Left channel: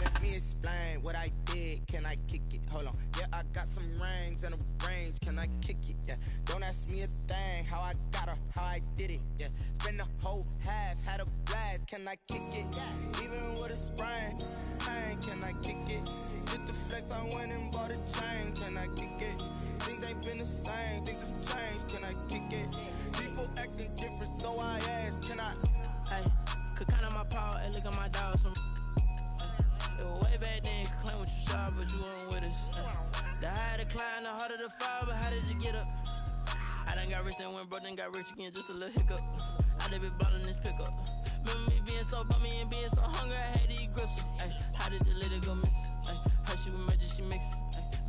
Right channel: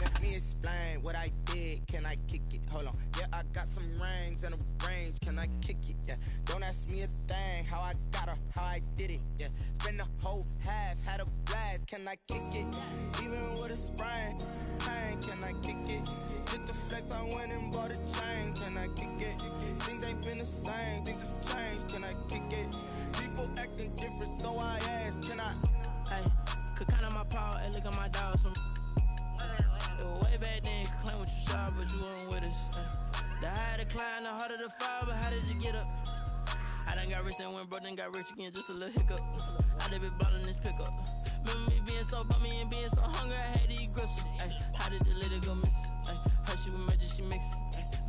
Let me explain what I did. Can I kick it? Hold on. Yeah, I got some rings and a range. Can I kick it? Yeah. Don't ask me a thing. How I got her, how I did it. Yeah. Spend the whole half, had a blast. Can I kick it? Even with a sprain, pain. Can I kick it? Just the flex, I went and bought a chain. Can I kick it? Things ain't been the same. Things have changed. Can I kick it? People acting different, so I ask. Can I? Hey, could count on my paw and look at my dog. Some it was way back then, could claim what you saw, but you weren't with us. The higher the climb, the harder the fall, but how did you get up? I done got rich and went broke, then got rich again, just a little hiccup. I done been ballin' this pickup. Remember me being so bummy and being so hungry, I had to eat gristle. Ay, how did the lady go miss? Ay, her she was magic, she mixed.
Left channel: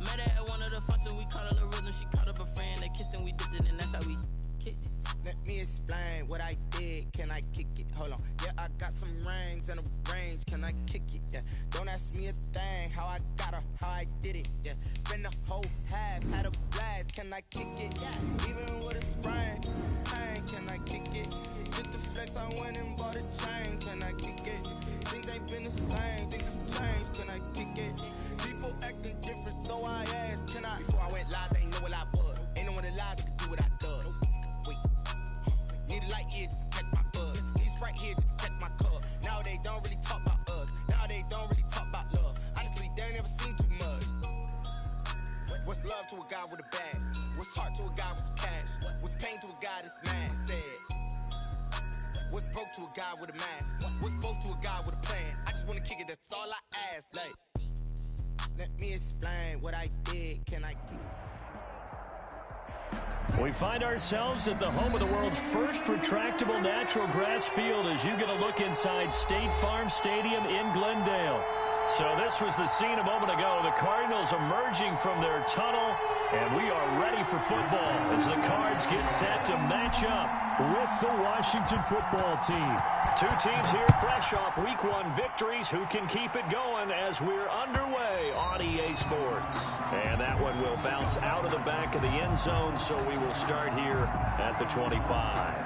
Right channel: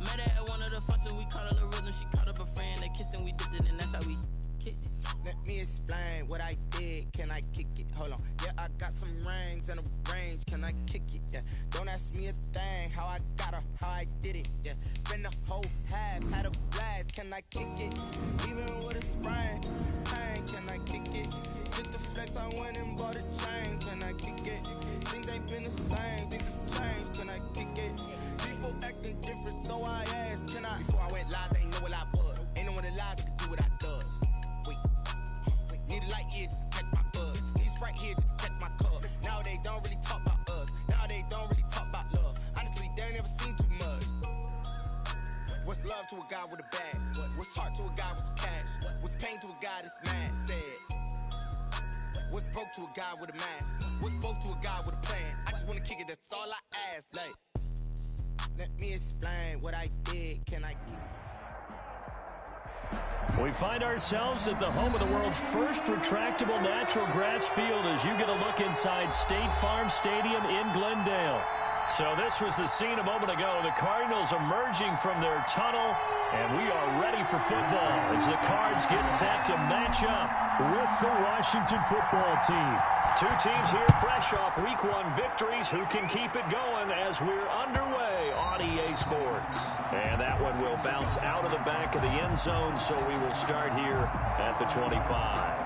Met her at one of the functions, we caught her the rhythm, she caught up a friend, they kissed and we dipped it, and that's how we kicked it. Let me explain what I did. Can I kick it? Hold on. Yeah, I got some rings and a range. Can I kick it? Yeah. Don't ask me a thing. How I got her, how I did it. Yeah. Spend the whole half, had a blast. Can I kick it? Even with a sprain, pain. Can I kick it? Just the flex, I went and bought a chain. Can I kick it? Things ain't been the same. Things have changed. Can I kick it? People acting different, so I asked. Can I? Before I went live, they ain't know what I was. Ain't no one alive that could do what I does. Wait. Need a light here just to catch my buzz. Need Sprite here just to catch my cup. Now they don't really talk about us. Now they don't really talk about love. Honestly, they ain't never seen too much. What's love to a guy with a bag? What's heart to a guy with some cash? What's pain to a guy that's mad? Said. What's broke to a guy with a mask? What's both to a guy with a plan? I just wanna kick it, that's all I ask. Like, let me explain what I did. Can I kick it? We find ourselves at the home of the world's first retractable natural grass field as you get a look inside State Farm Stadium in Glendale. So this was the scene a moment ago. The Cardinals emerging from their tunnel, and we are ready for football as the Cards get set to match up with the Washington football team. Two teams here fresh off Week 1 victories. Who can keep it going as we're underway on EA Sports? And that one will bounce out of the back of the end zone, so we will start here at the 25.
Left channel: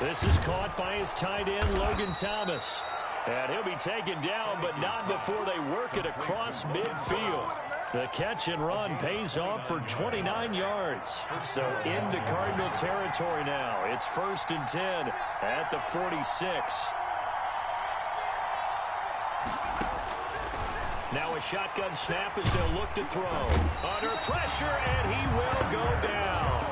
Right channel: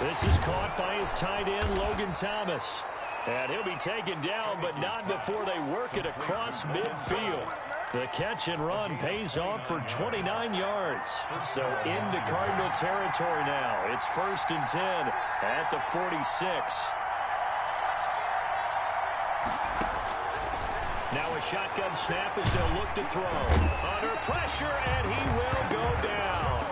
This is caught by his tight end, Logan Thomas. And he'll be taken down, but not before they work it across midfield. The catch and run pays off for 29 yards. So into Cardinal territory now. It's 1st and 10 at the 46. Now a shotgun snap as they'll look to throw. Under pressure, and he will go down.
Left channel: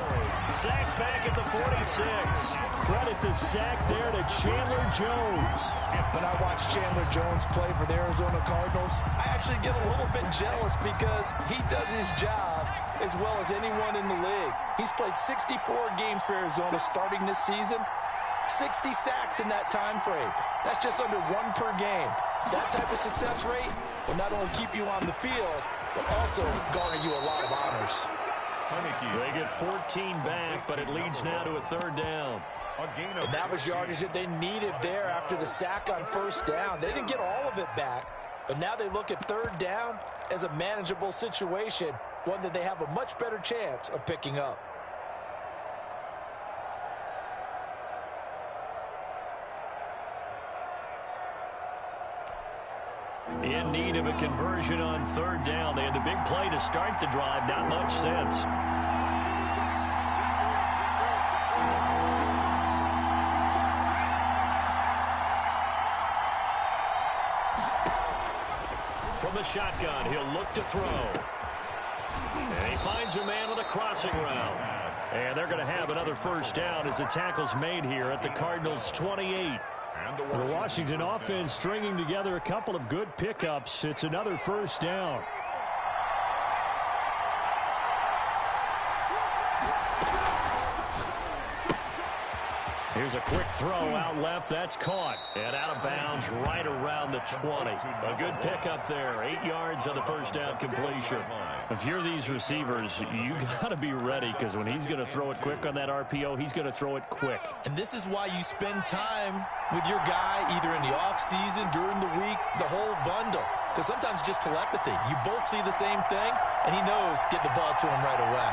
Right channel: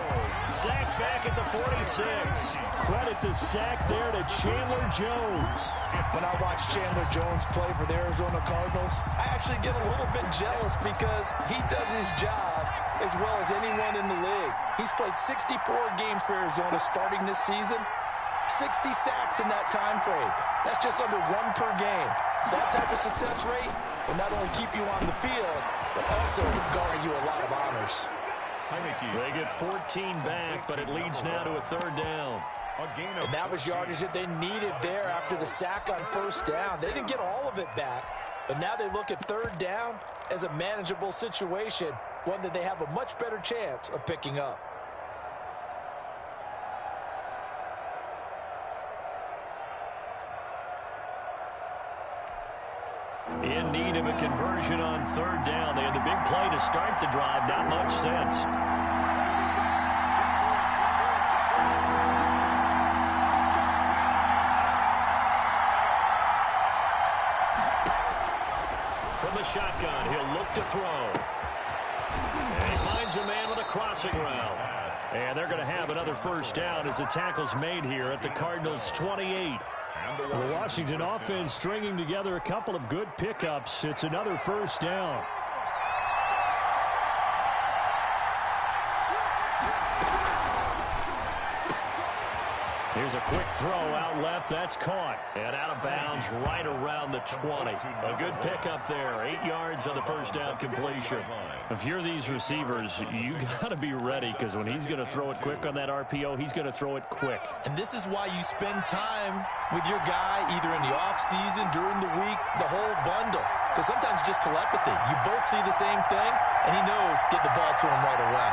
Sacked back at the 46. Credit the sack there to Chandler Jones. When I watch Chandler Jones play for the Arizona Cardinals, I actually get a little bit jealous because he does his job as well as anyone in the league. He's played 64 games for Arizona starting this season. 60 sacks in that time frame. That's just under 1 per game. That type of success rate will not only keep you on the field, but also garner you a lot of honors. They get 14 back, but it leads now to a 3rd down. And that was yardage that they needed there after the sack on 1st down. They didn't get all of it back, but now they look at 3rd down as a manageable situation, one that they have a much better chance of picking up. In need of a conversion on 3rd down. They had the big play to start the drive. Not much sense. From the shotgun, he'll look to throw. And he finds a man on a crossing route. And they're going to have another 1st down as the tackle's made here at the Cardinals' 28. The Washington offense stringing together a couple of good pickups. It's another first down. Here's a quick throw out left. That's caught. And out of bounds right around the 20. A good pickup there. 8 yards on the first down completion. If you're these receivers, you got to be ready because when he's going to throw it quick on that RPO, he's going to throw it quick. And this is why you spend time with your guy either in the offseason, during the week, the whole bundle. Because sometimes it's just telepathy. You both see the same thing, and he knows get the ball to him right away.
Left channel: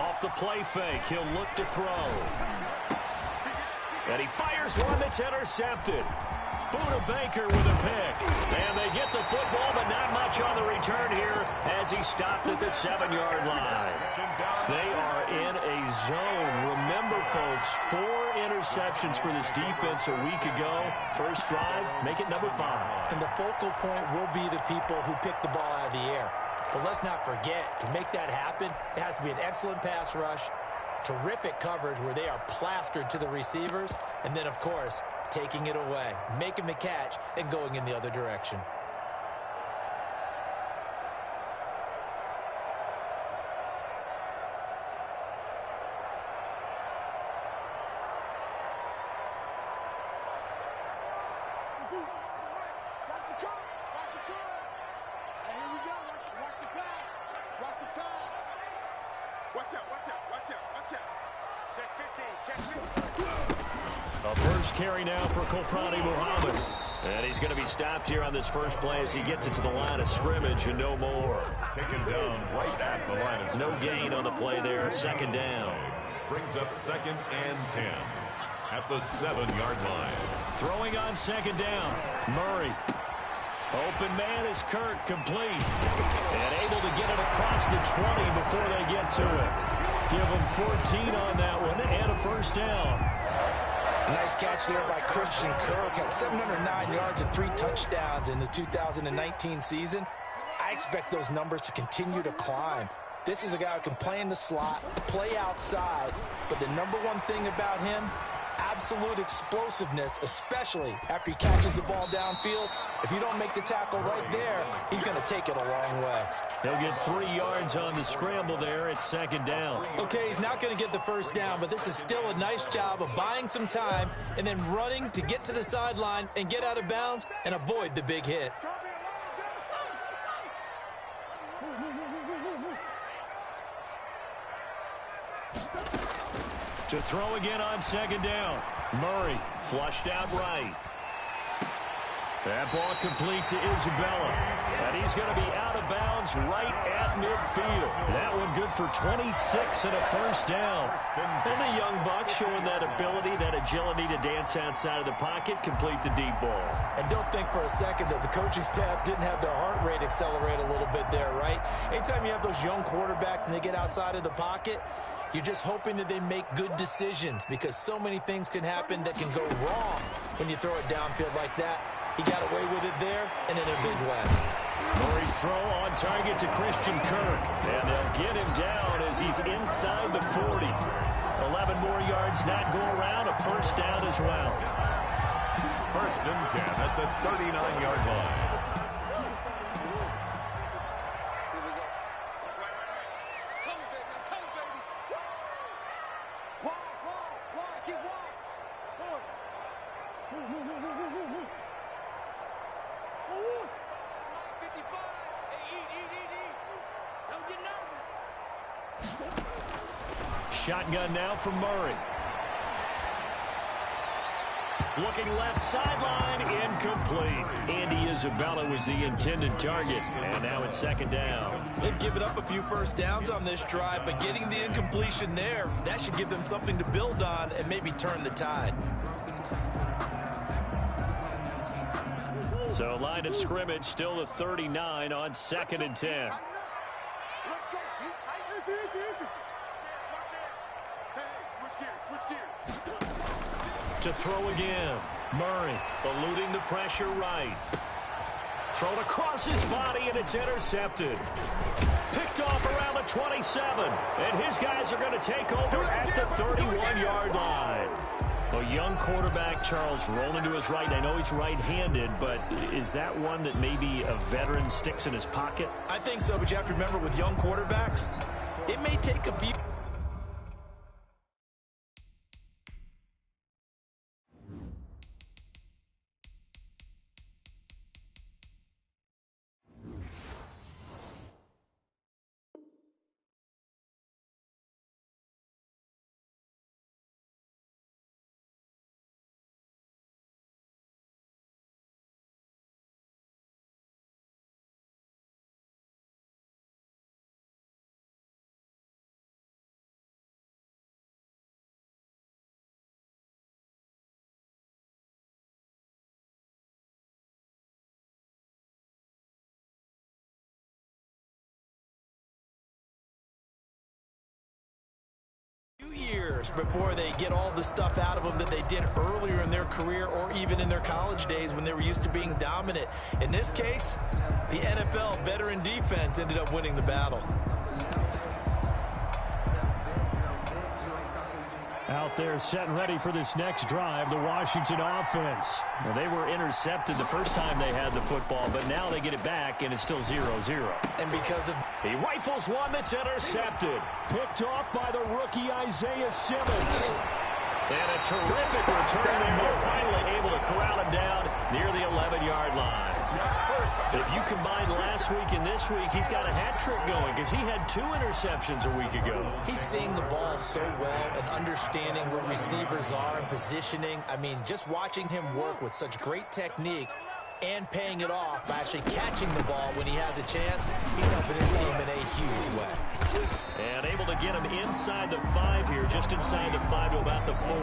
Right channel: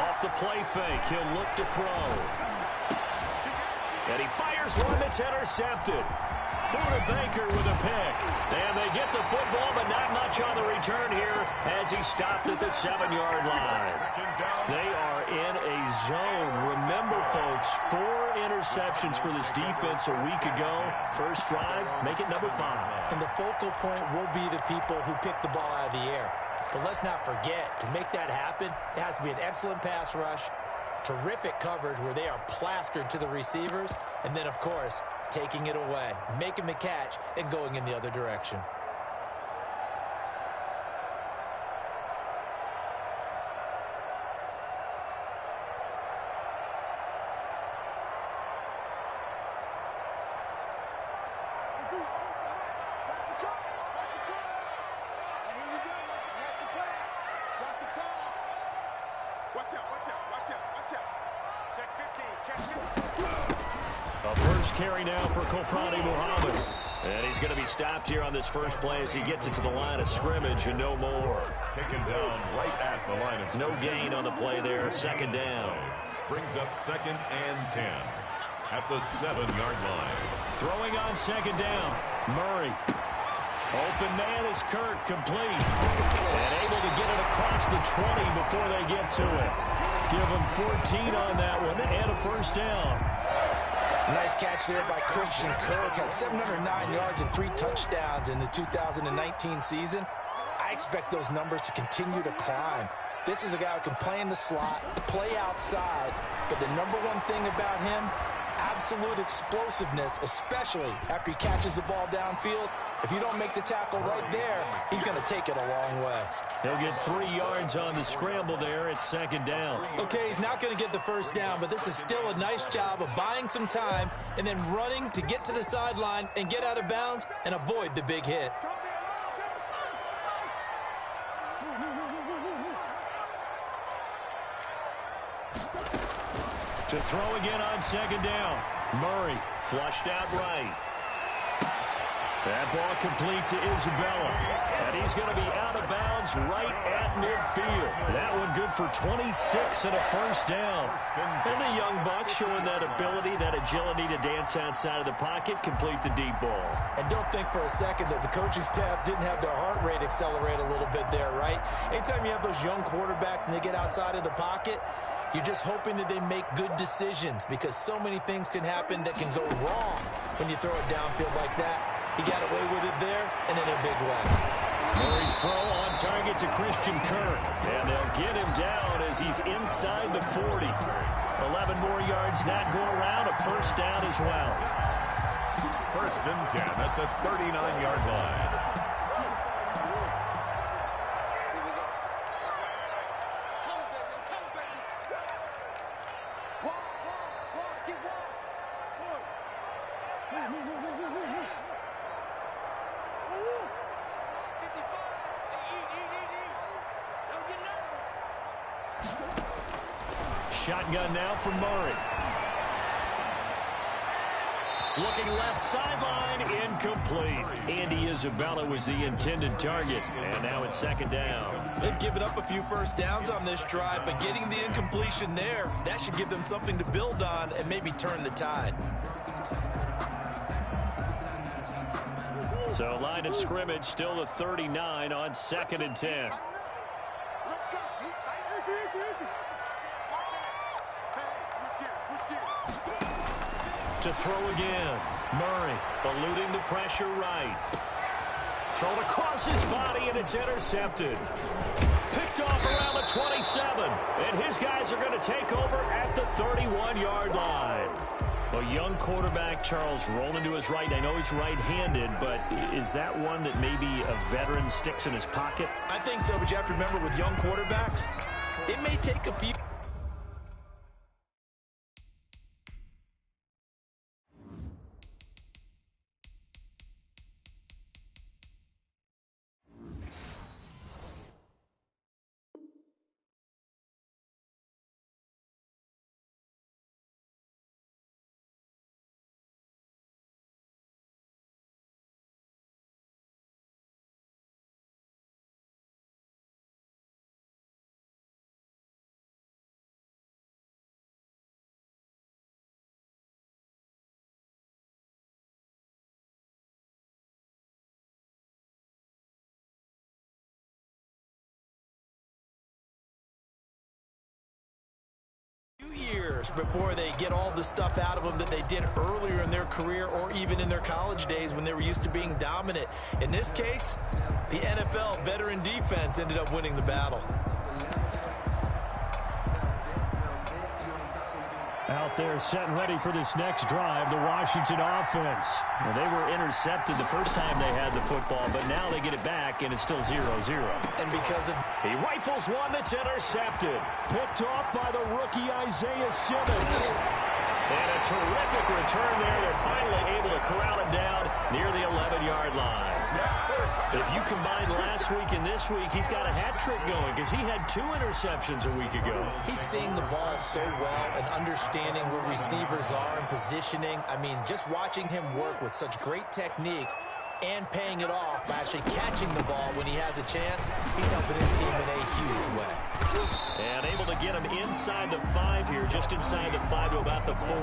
Off the play fake, he'll look to throw. And he fires one that's intercepted. Buda Baker with a pick. And they get the football, but not much on the return here as he stopped at the 7-yard line. They are in a zone. Remember, folks, 4 interceptions for this defense a week ago. First drive, make it number 5. And the focal point will be the people who pick the ball out of the air. But let's not forget, to make that happen, it has to be an excellent pass rush, terrific coverage where they are plastered to the receivers, and then, of course, taking it away, making the catch, and going in the other direction. A first carry now for Kofrani Muhammad. And he's going to be stopped here on this first play as he gets it to the line of scrimmage and no more. Taken down right at the line of no gain on the play there. Second down. Brings up 2nd and 10 at the 7-yard line. Throwing on second down. Murray. Open man is Kirk, complete. And able to get it across the 20 before they get to it. Give him 14 on that one and a first down. Nice catch there by Christian Kirk. Had 709 yards and 3 touchdowns in the 2019 season. I expect those numbers to continue to climb. This is a guy who can play in the slot, play outside, but the number one thing about him, absolute explosiveness, especially after he catches the ball downfield. If you don't make the tackle right there, he's going to take it a long way. He'll get 3 yards on the scramble there. It's second down. Okay, he's not going to get the first down, but this is still a nice job of buying some time and then running to get to the sideline and get out of bounds and avoid the big hit. To throw again on second down. Murray flushed out right. That ball complete to Isabella. And he's going to be out of bounds right at midfield. That one good for 26 and a first down. And the young buck showing that ability, that agility to dance outside of the pocket, complete the deep ball. And don't think for a second that the coaching staff didn't have their heart rate accelerate a little bit there, right? Anytime you have those young quarterbacks and they get outside of the pocket, you're just hoping that they make good decisions because so many things can happen that can go wrong when you throw it downfield like that. He got away with it there and in a big way. Murray's throw on target to Christian Kirk. And they'll get him down as he's inside the 40. 11 more yards that go around. A first down as well. 1st and 10 at the 39-yard line. Shotgun now for Murray. Looking left sideline, incomplete. Andy Isabella was the intended target, and now it's second down. They've given up a few first downs on this drive, but getting the incompletion there, that should give them something to build on and maybe turn the tide. So line of scrimmage still the 39 on 2nd and 10. Let's go, deep tight. Switch gears. To throw again. Murray eluding the pressure right. Thrown across his body, and it's intercepted. Picked off around the 27. And his guys are going to take over at the 31-yard line. A young quarterback, Charles, rolling to his right. I know he's right-handed, but is that one that maybe a veteran sticks in his pocket? I think so, but you have to remember with young quarterbacks, it may take a few. Years before they get all the stuff out of them that they did earlier in their career or even in their college days when they were used to being dominant. In this case, the NFL veteran defense ended up winning the battle. Out there set and ready for this next drive, the Washington offense. Well, they were intercepted the first time they had the football, but now they get it back, and it's still 0-0. And because of... He rifles one that's intercepted. Picked off by the rookie Isaiah Simmons. And a terrific return there. They're finally able to corral him down near the 11-yard line. If you combine last week and this week, he's got a hat trick going because he had 2 interceptions a week ago. He's seeing the ball so well and understanding where receivers are and positioning. I mean, just watching him work with such great technique and paying it off by actually catching the ball when he has a chance, he's helping his team in a huge way. And able to get him inside the 5 here, just inside the 5 to about the 4.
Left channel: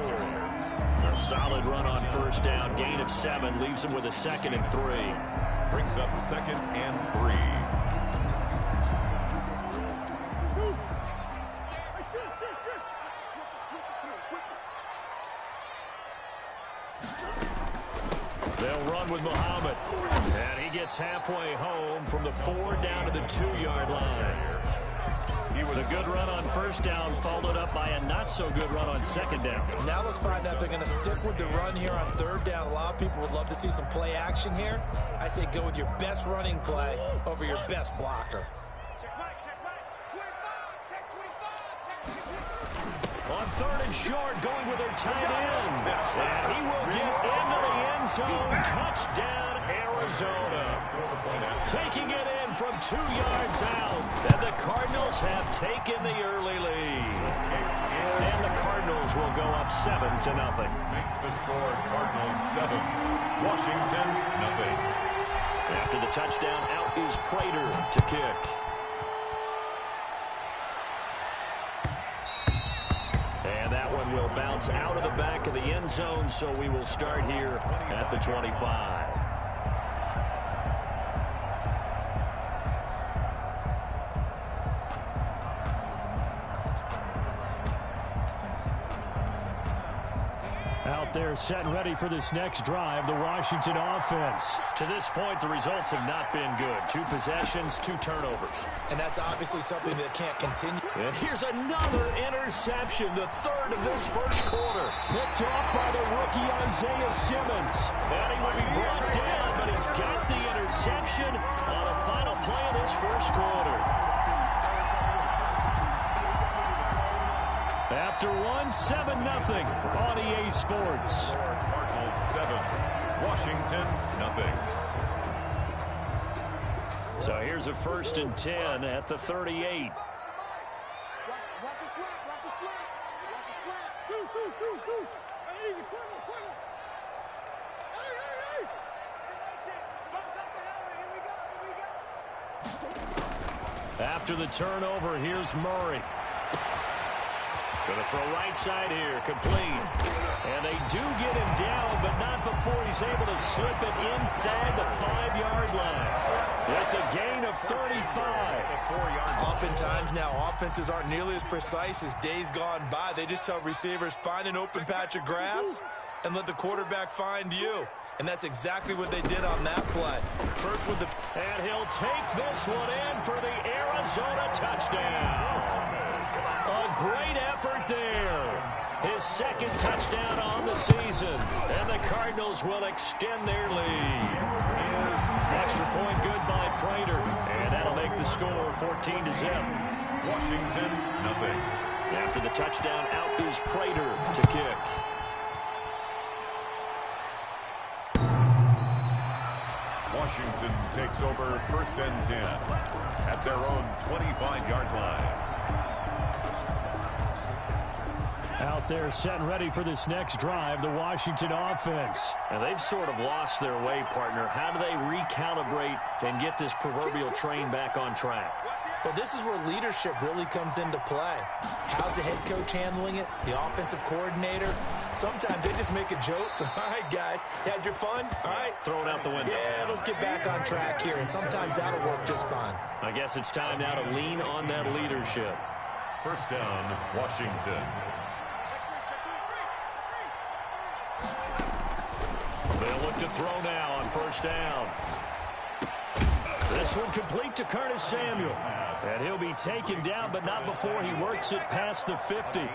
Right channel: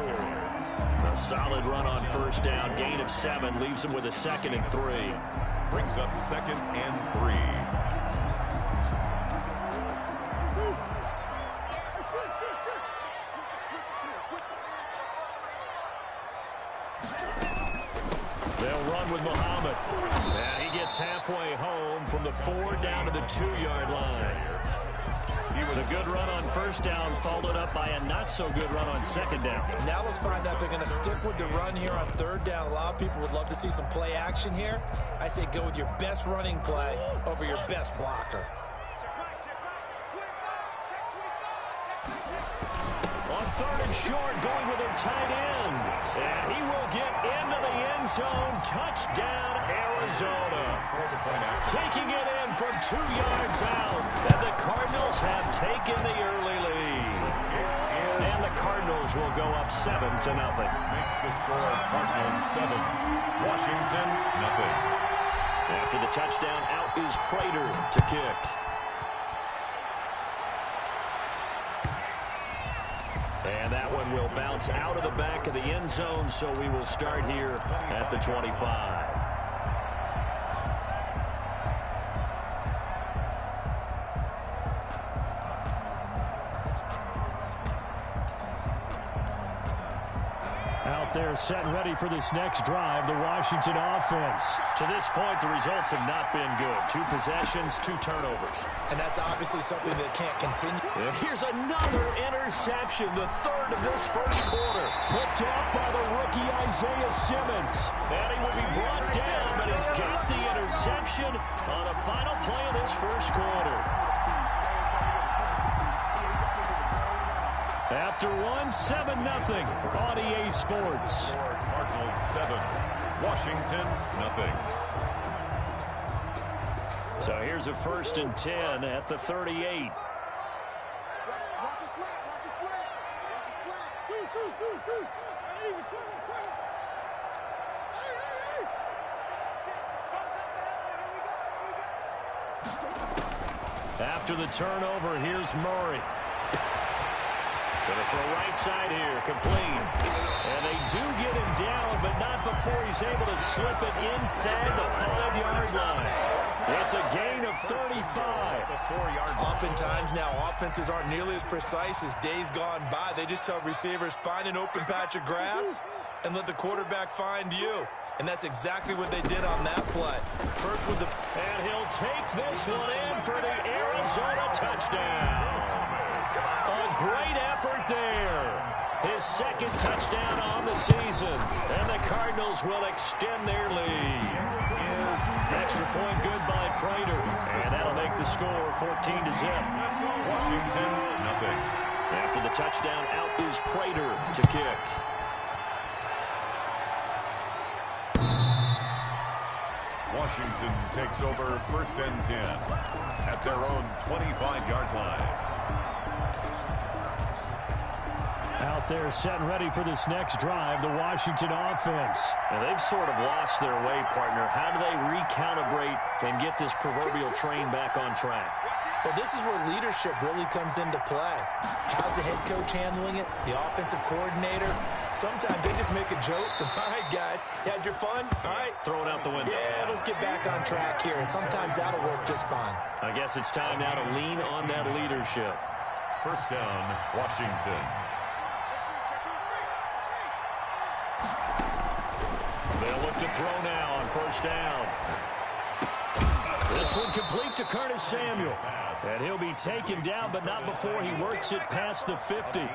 A solid run on first down, gain of 7, leaves him with a 2nd and 3. Brings up 2nd and 3. They'll run with Muhammad. And he gets halfway home from the 4 down to the 2-yard line. The good run on first down followed up by a not-so-good run on 2nd down. Now let's find out if they're going to stick with the run here on 3rd down. A lot of people would love to see some play action here. I say go with your best running play over your best blocker. On 3rd and short, going with their tight end. And he will get into the end zone. Touchdown, Arizona. Taking it in from 2 yards out. And the Cardinals have taken the early lead. And the Cardinals will go up 7-0. Makes the score Cardinals 7, Washington 0. After the touchdown, out is Prater to kick. And that one will bounce out of the back of the end zone, so we will start here at the 25. Out there set and ready for this next drive, the Washington offense. To this point, the results have not been good. 2 possessions, 2 turnovers. And that's obviously something that can't continue. And here's another interception, the 3rd of this first quarter. Picked off by the rookie Isaiah Simmons. And he will be brought down, but he's got the interception on the final play of this first quarter. After 7-0 on EA Sports. Cardinals 7, Washington 0. So here's a 1st and 10 at the 38. Watch the slap, watch the slap, watch the slap. Goose. Easy, quick. Hey. Thumbs up the helmet, here we go. After the turnover, here's Murray. Going to throw right side here, complete. And they do get him down, but not before he's able to slip it inside the 5-yard line. It's a gain of 35. Oftentimes now, offenses aren't nearly as precise as days gone by. They just tell receivers, find an open patch of grass and let the quarterback find you. And that's exactly what they did on that play. First with the... And he'll take this one in for the Arizona touchdown. A great effort there. His second touchdown on the season. And the Cardinals will extend their lead. Extra point good by Prater. And that'll make the score 14-0. Washington, nothing. After the touchdown, out is Prater to kick. Washington takes over 1st and 10 at their own 25-yard line. Out there set and ready for this next drive, the Washington offense. And they've sort of lost their way, partner. How do they recalibrate and get this proverbial train back on track? Well, this is where leadership really comes into play. How's the head coach handling it? The offensive coordinator? Sometimes they just make a joke. All right, guys, you had your fun? All right. Throw it out the window. Yeah, let's get back on track here, and sometimes that'll work just fine. I guess it's time now to lean on that leadership. 1st down, Washington. They'll look to throw now on 1st down. This one complete to Curtis Samuel. And he'll be taken down, but not before he works it past the 50.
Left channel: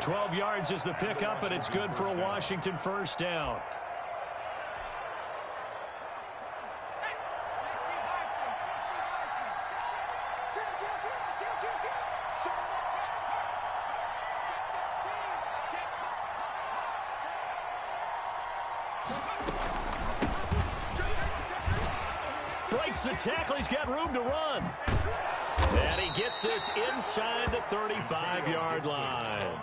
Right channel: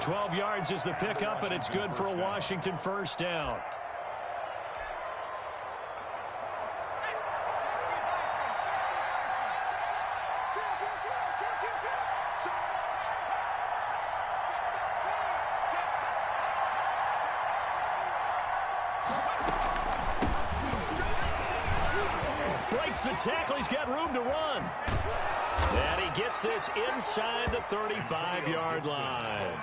12 yards is the pickup, and it's good for a Washington 1st down. Breaks the tackle. He's got room to run. And he gets this inside the 35-yard line.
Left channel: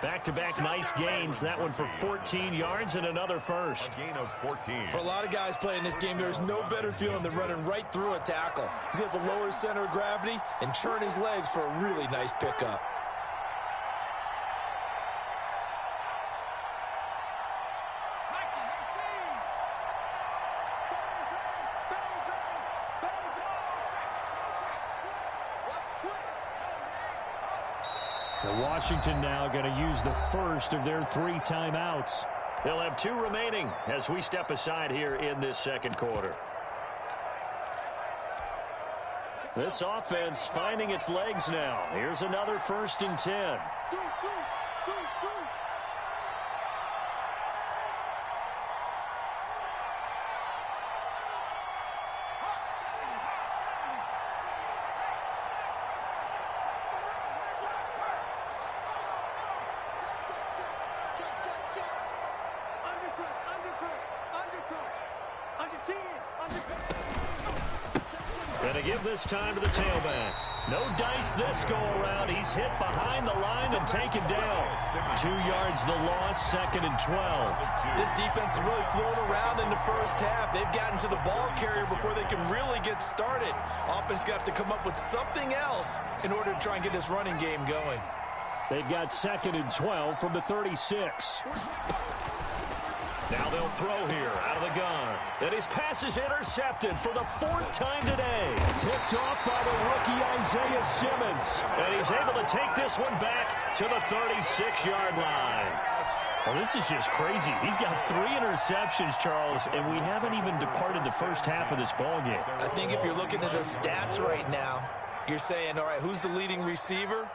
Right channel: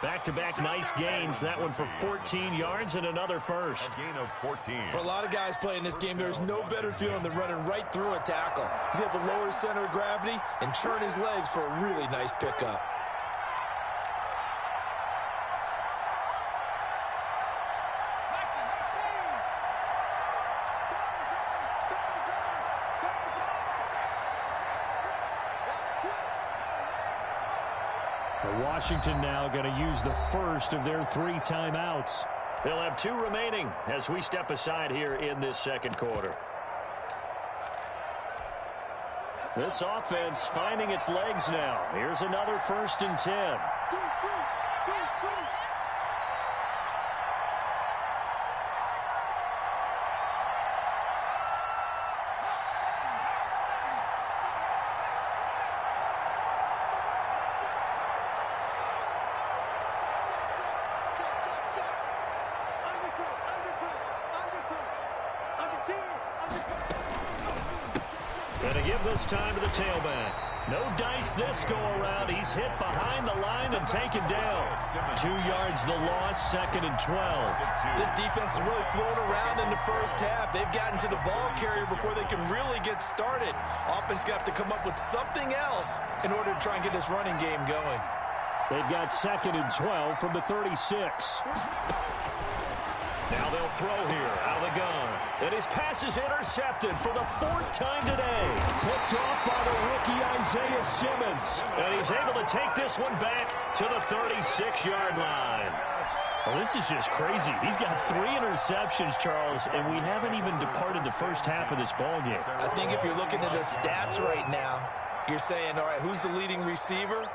Back-to-back nice gains. That one for 14 yards and another first. A gain of 14. For a lot of guys playing this game, there's no better feeling than running right through a tackle. He's able to lower his center of gravity and churn his legs for a really nice pickup. Washington now going to use the first of their 3 timeouts. They'll have 2 remaining as we step aside here in this second quarter. This offense finding its legs now. Here's another 1st and 10. Gonna give this time to the tailback. No dice this go around. He's hit behind the line and taken down. 2 yards the loss, 2nd and 12. This defense is really flown around in the first half. They've gotten to the ball carrier before they can really get started. Offense got to come up with something else in order to try and get this running game going. They've got 2nd and 12 from the 36. Now they'll throw here out of the gun. And his pass is intercepted for the 4th time today. Picked off by the rookie Isaiah Simmons. And he's able to take this one back to the 36-yard line. Well, this is just crazy. He's got 3 interceptions, Charles, and we haven't even departed the first half of this ballgame. I think if you're looking at the stats right now, you're saying, all right, who's the leading receiver?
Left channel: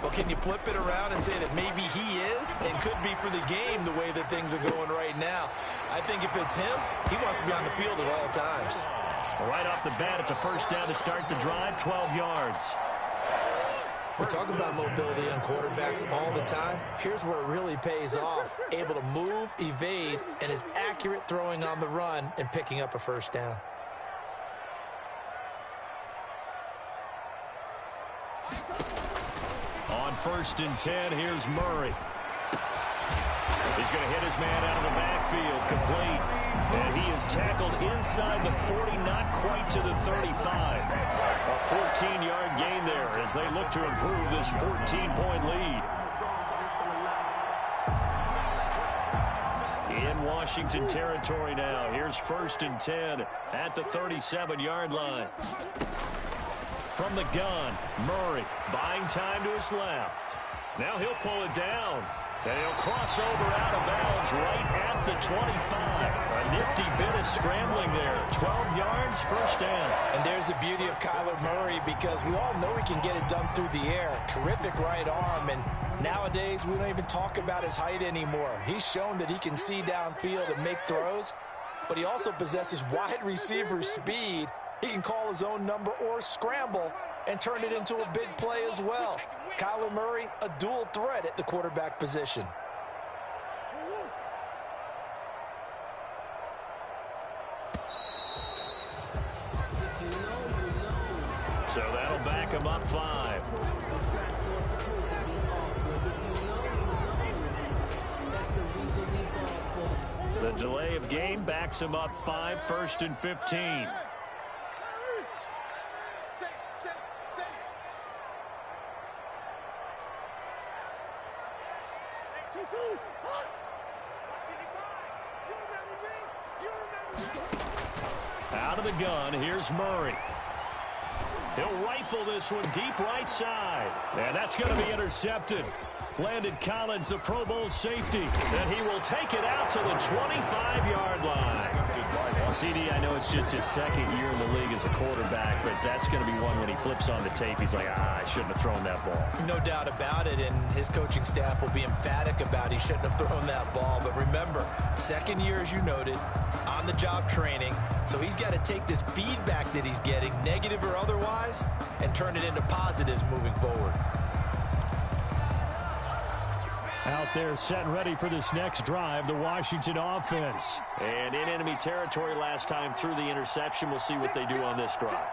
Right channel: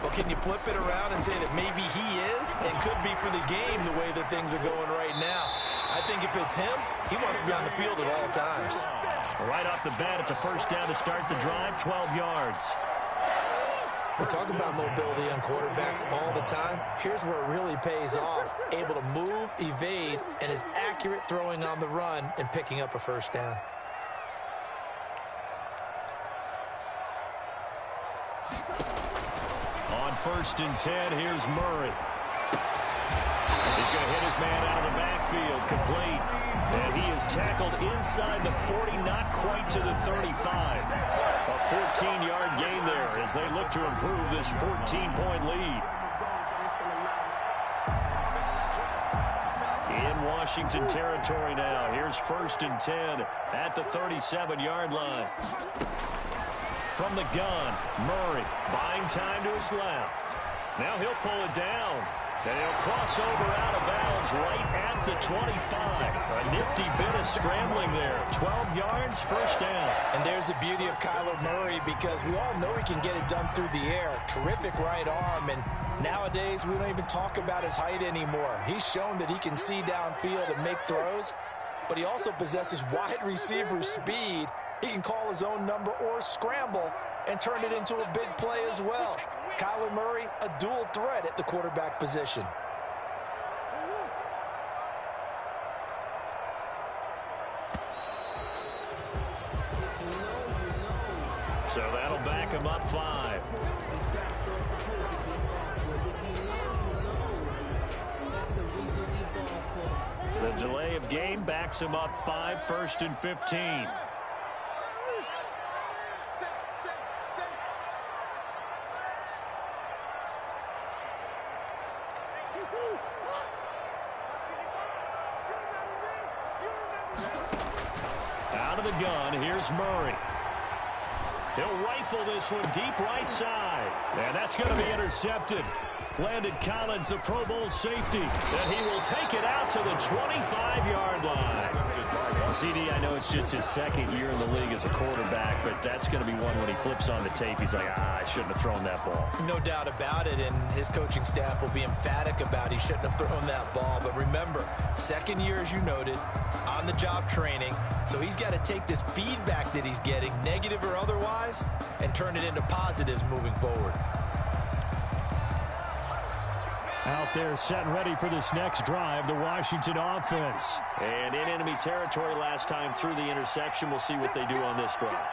Well, can you flip it around and say that maybe he is and could be for the game the way that things are going right now? I think if it's him, he wants to be on the field at all times. Right off the bat, it's a 1st down to start the drive, 12 yards. We talk about mobility on quarterbacks all the time. Here's where it really pays off. Able to move, evade, and is accurate throwing on the run and picking up a 1st down. On 1st and 10, here's Murray. He's going to hit his man out of the backfield, complete. And he is tackled inside the 40, not quite to the 35. A 14-yard gain there as they look to improve this 14-point lead. In Washington territory now. Here's 1st and 10 at the 37-yard line. From the gun, Murray buying time to his left. Now he'll pull it down. And he'll cross over out of bounds right at the 25. A nifty bit of scrambling there. 12 yards, 1st down. And there's the beauty of Kyler Murray because we all know he can get it done through the air. Terrific right arm, and Nowadays, we don't even talk about his height anymore. He's shown that he can see downfield and make throws, but he also possesses wide receiver speed. He can call his own number or scramble and turn it into a big play as well. Kyler Murray, a dual threat at the quarterback position. So that'll back him up 5. The delay of game backs him up 5, 1st and 15. Out of the gun, here's Murray. He'll rifle this one deep right side. And that's going to be intercepted. Landon Collins, the Pro Bowl safety, and he will take it out to the 25-yard line. Well, CD, I know it's just his second year in the league as a quarterback, but that's going to be one when he flips on the tape. He's like, I shouldn't have thrown that ball. No doubt about it, and his coaching staff will be emphatic about he shouldn't have thrown that ball. But remember, second year, as you noted, on-the-job training, so he's got to take this feedback that he's getting, negative or otherwise, and turn it into positives moving forward. Out there set and ready for this next drive, the Washington offense. And in enemy territory last time through the interception. We'll see what they do on this drive.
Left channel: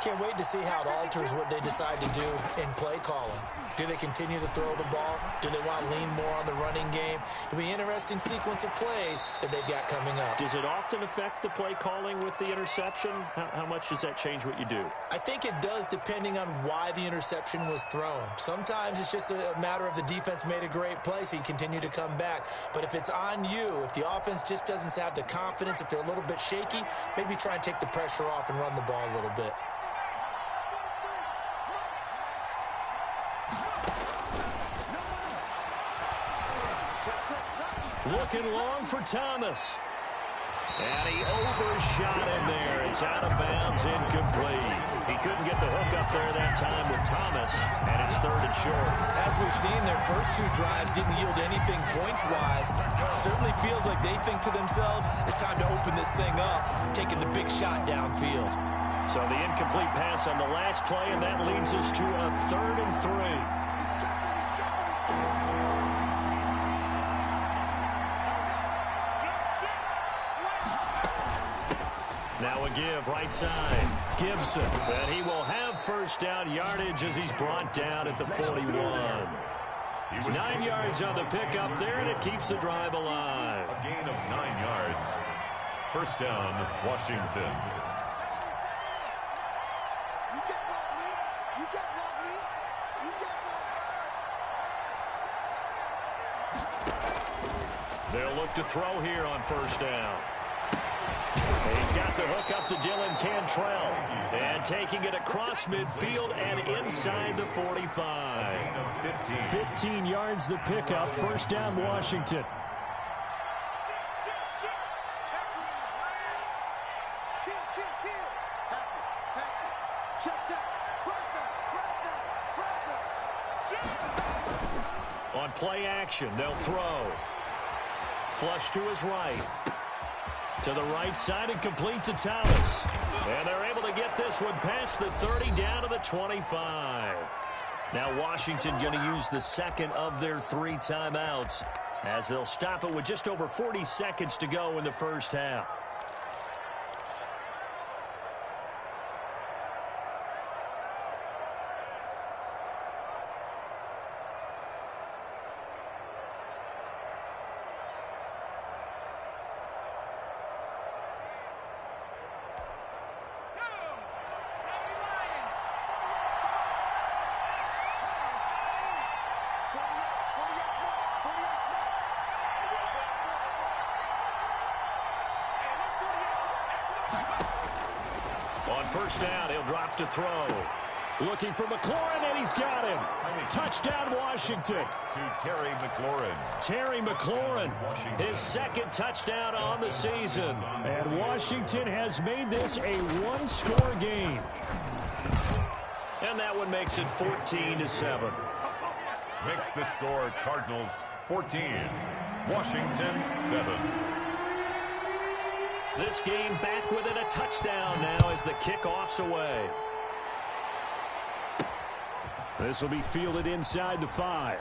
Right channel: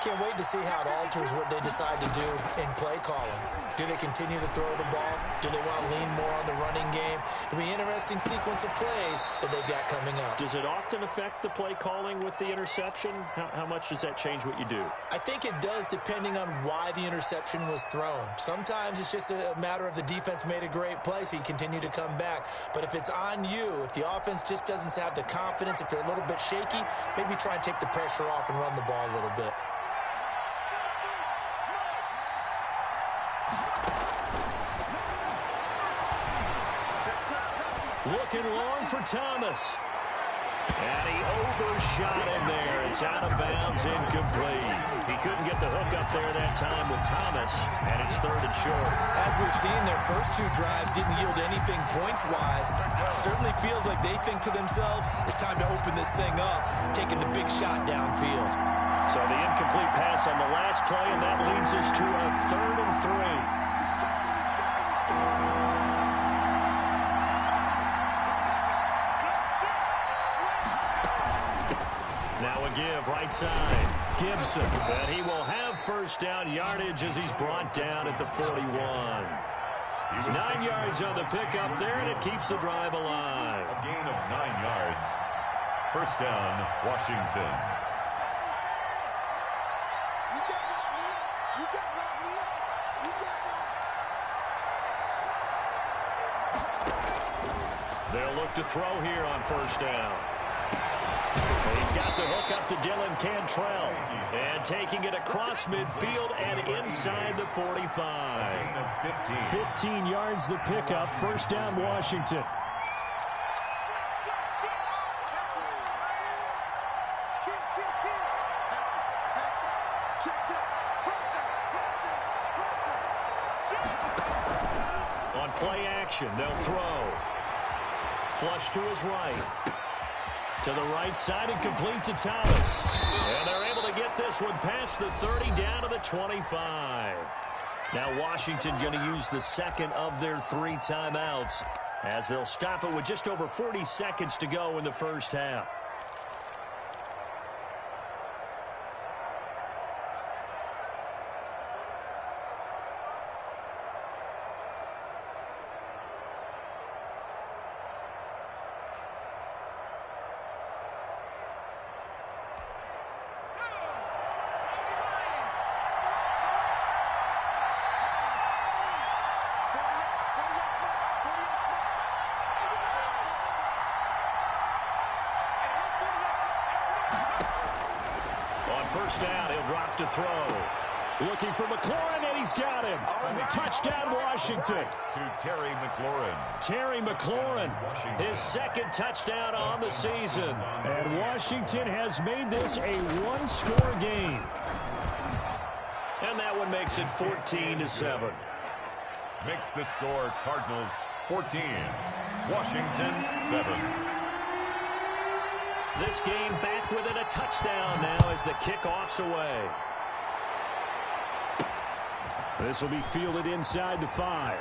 Can't wait to see how it alters what they decide to do in play calling. Do they continue to throw the ball? Do they want to lean more on the running game? It'll be an interesting sequence of plays that they've got coming up. Does it often affect the play calling with the interception? How much does that change what you do? I think it does, depending on why the interception was thrown. Sometimes it's just a matter of the defense made a great play, so you continue to come back. But if it's on you, if the offense just doesn't have the confidence, if they're a little bit shaky, maybe try and take the pressure off and run the ball a little bit. Looking long for Thomas. And he overshot him there. It's out of bounds, incomplete. He couldn't get the hook up there that time with Thomas, and it's 3rd and short. As we've seen, their first 2 drives didn't yield anything points-wise. Certainly feels like they think to themselves, it's time to open this thing up, taking the big shot downfield. So the incomplete pass on the last play, and that leads us to a 3rd and 3. Now a give right side. Gibson. And he will have first down yardage as he's brought down at the 41. 9 yards on the pickup there, and it keeps the drive alive. A gain of 9 yards. First down, Washington. You get blocked, me. You get blocked, me. You get blocked. They'll look to throw here on first down. He's got the hook up to Dylan Cantrell. And taking it across midfield and inside the 45. 15 yards the pickup. First down, Washington. On play action, they'll throw. Flush to his right. To the right side and complete to Thomas. And they're able to get this one past the 30 down to the 25. Now Washington going to use the second of their 3 timeouts as they'll stop it with just over 40 seconds to go in the first half. On first down, he'll drop to throw. Looking for McLaurin, and he's got him. Touchdown, Washington. To Terry McLaurin. Terry McLaurin, his second touchdown on the season. And Washington has made this a one-score game. And that one makes it 14-7. makes the score Cardinals 14, Washington 7. This game back within a touchdown now as the kickoff's away. This will be fielded inside the 5.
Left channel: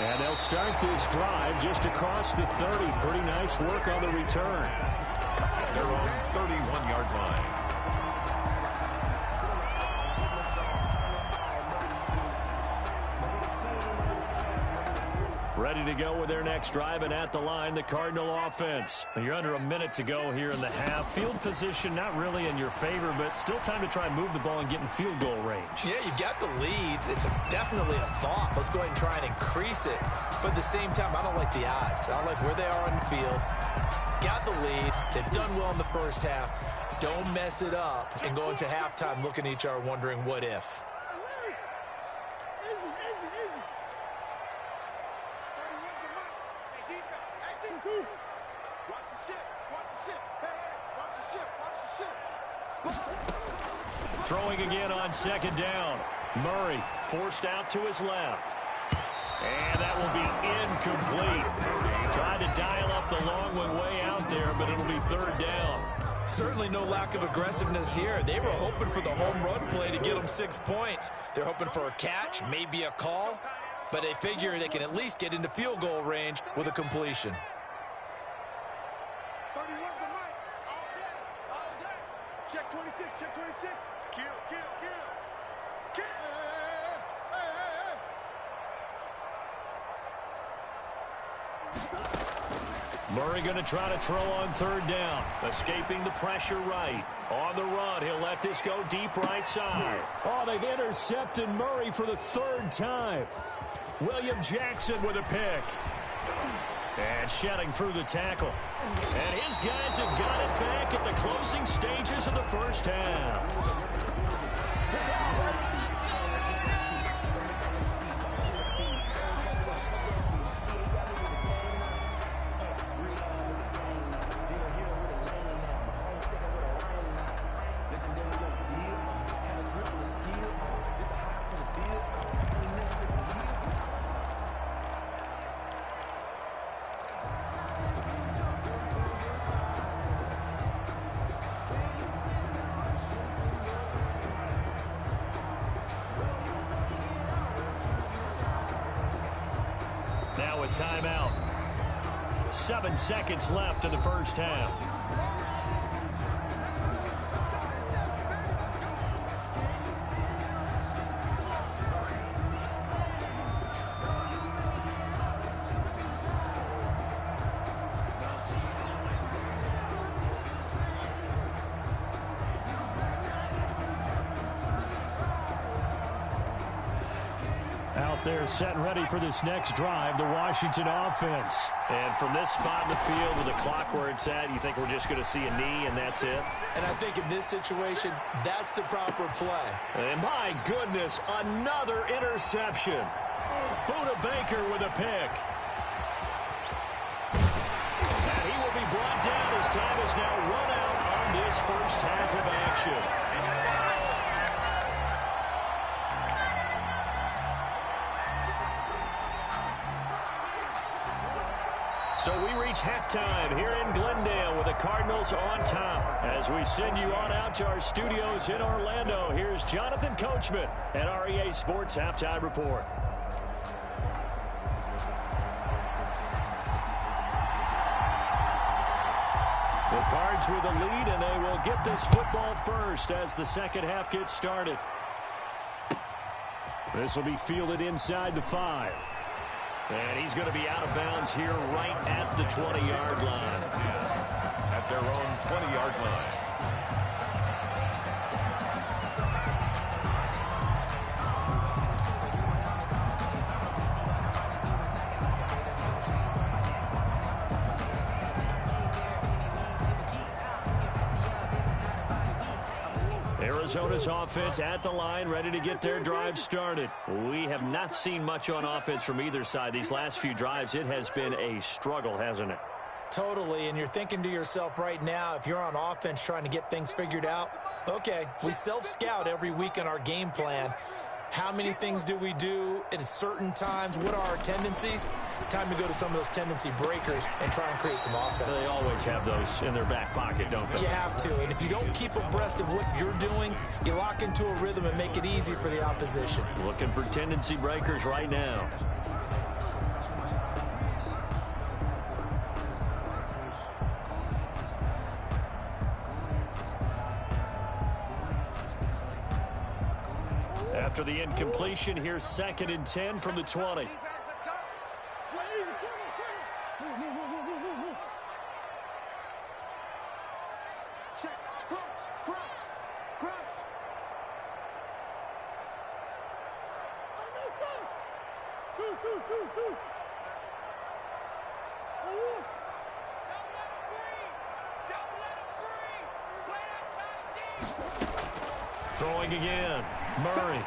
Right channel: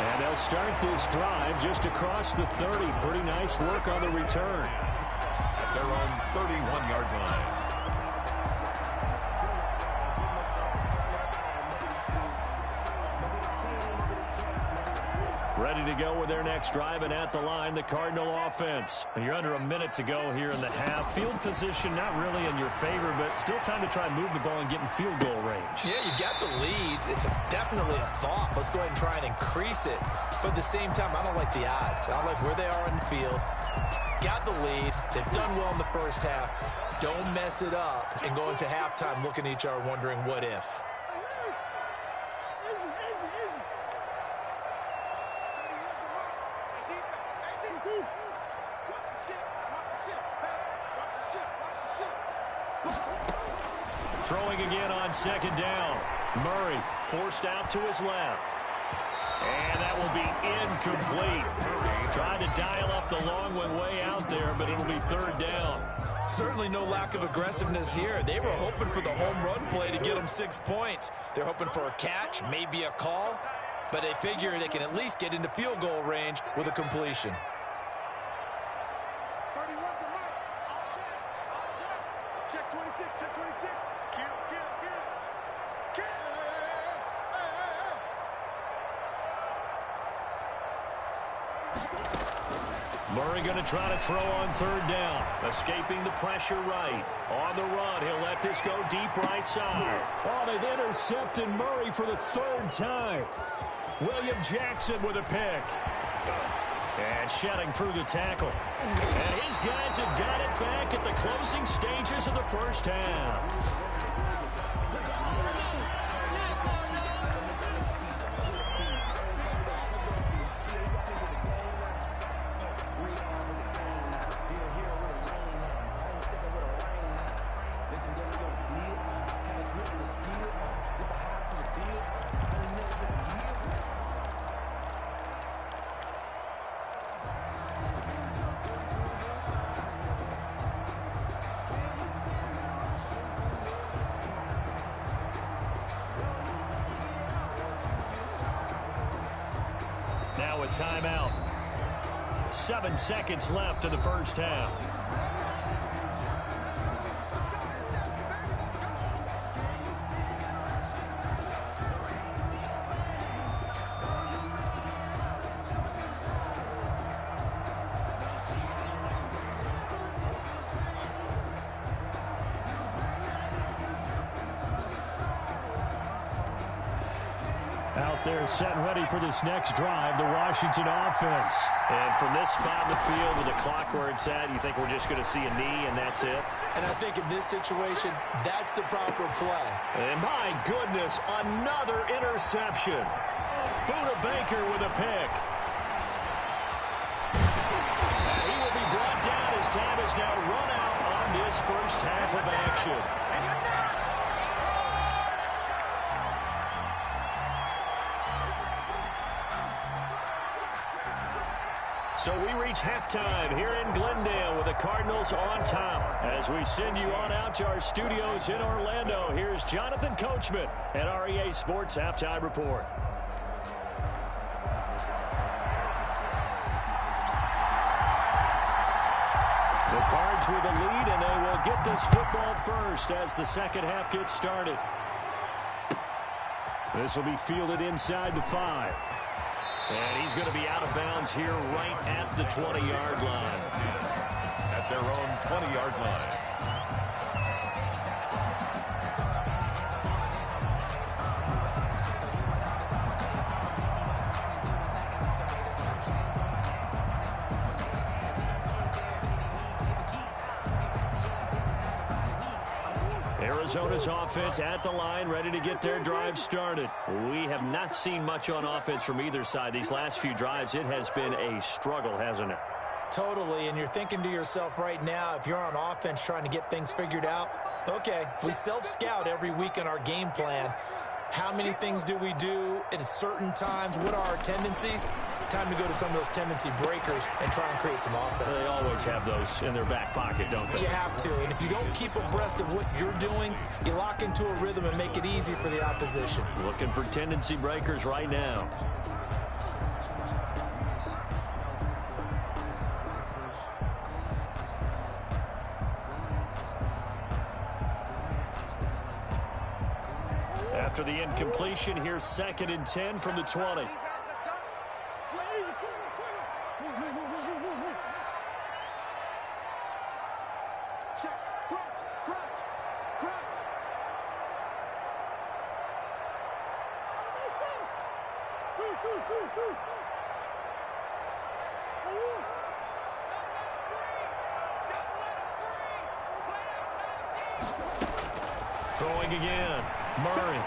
And they'll start this drive just across the 30. Pretty nice work on the return. At their own 31-yard line. Ready to go with their next drive, and at the line, the Cardinal offense. You're under a minute to go here in the half. Field position not really in your favor, but still time to try and move the ball and get in field goal range. Yeah, you've got the lead. It's definitely a thought. Let's go ahead and try and increase it. But at the same time, I don't like the odds. I don't like where they are on the field. Got the lead. They've done well in the first half. Don't mess it up and go into halftime looking at each other wondering what if. Throwing again on second down. Murray forced out to his left. And that will be incomplete. Tried to dial up the long one way out there, but it'll be third down. Certainly no lack of aggressiveness here. They were hoping for the home run play to get them 6 points. They're hoping for a catch, maybe a call, but they figure they can at least get into field goal range with a completion. 31's the mic. All day. All day. Check 26. Check 26. Kill, kill, kill. Kill. Murray going to try to throw on third down. Escaping the pressure right. On the run, he'll let this go deep right side. Oh, they've intercepted Murray for the third time. William Jackson with a pick. And shedding through the tackle. And his guys have got it back at the closing stages of the first half. Now a timeout. 7 seconds left in the first half. Out there set and ready for this next drive, the Washington offense. And from this spot in the field with the clock where it's at, you think we're just going to see a knee and that's it? And I think in this situation, that's the proper play. And my goodness, another interception. Buda Baker with a pick. And he will be brought down as time is now run out on this first half of action. So we reach halftime here in Glendale with the Cardinals on top. As we send you on out to our studios in Orlando, here's Jonathan Coachman at REA Sports Halftime Report. The Cards with a lead, and they will get this football first as the second half gets started. This will be fielded inside the 5. And he's going to be out of bounds here right at the 20-yard line. At their own 20-yard line. Arizona's offense at the line, ready to get their drive started. We have not seen much on offense from either side. These last few drives, it has been a struggle, hasn't it? Totally, and you're thinking to yourself right now, if you're on offense trying to get things figured out, okay, we self-scout every week in our game plan. How many things do we do at certain times? What are our tendencies? Time to go to some of those tendency breakers and try and create some offense. They always have those in their back pocket, don't they? You have to, and if you don't keep abreast of what you're doing, you lock into a rhythm and make it easy for the opposition. Looking for tendency breakers right now. After the incompletion, here's 2nd and 10 from the 20. Check, crunch. Deuce. Don't let him breathe. Play that time deep. Throwing again. Murray.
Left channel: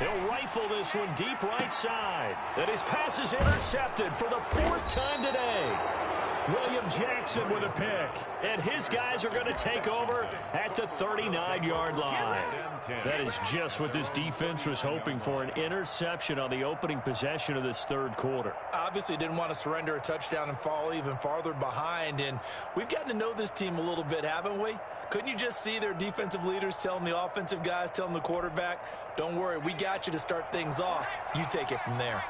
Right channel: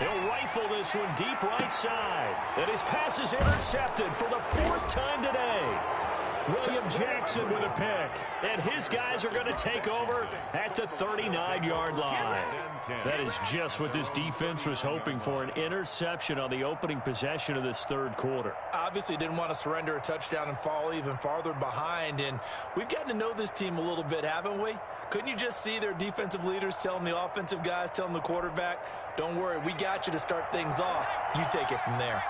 He'll rifle this one deep right side. And his pass is intercepted for the 4th time today. William Jackson with a pick. And his guys are going to take over at the 39-yard line. That is just what this defense was hoping for, an interception on the opening possession of this 3rd quarter. Obviously didn't want to surrender a touchdown and fall even farther behind. And we've gotten to know this team a little bit, haven't we? Couldn't you just see their defensive leaders telling the offensive guys, telling the quarterback, don't worry, we got you to start things off. You take it from there.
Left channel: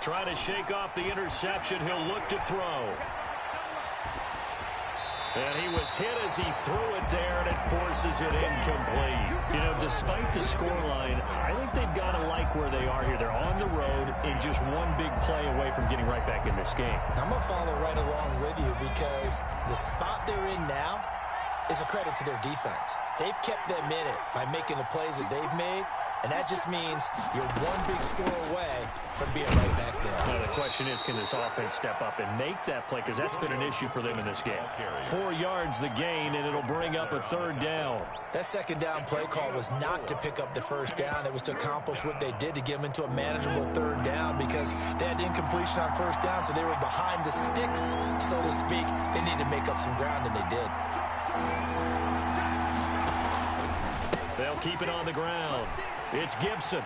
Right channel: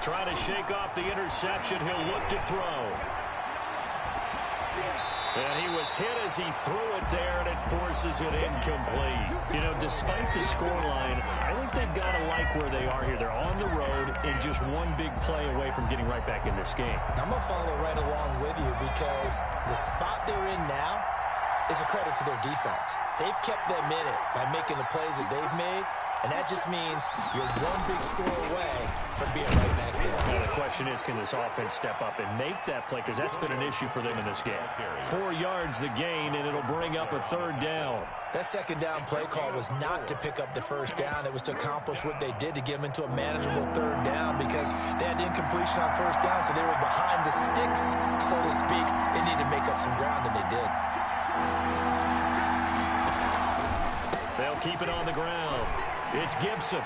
Trying to shake off the interception. He'll look to throw. And he was hit as he threw it there, and it forces it incomplete. You know, despite the scoreline, I think they've got to like where they are here. They're on the road and just one big play away from getting right back in this game. I'm going to follow right along with you because the spot they're in now is a credit to their defense. They've kept them in it by making the plays that they've made, and that just means you're one big score away from being right back there. Now the question is, can this offense step up and make that play? Because that's been an issue for them in this game. 4 yards the gain, and it'll bring up a 3rd down. That 2nd down play call was not to pick up the 1st down. It was to accomplish what they did to get them into a manageable 3rd down because they had incompletion on 1st down, so they were behind the sticks, so to speak. They needed to make up some ground, and they did. They'll keep it on the ground. It's Gibson.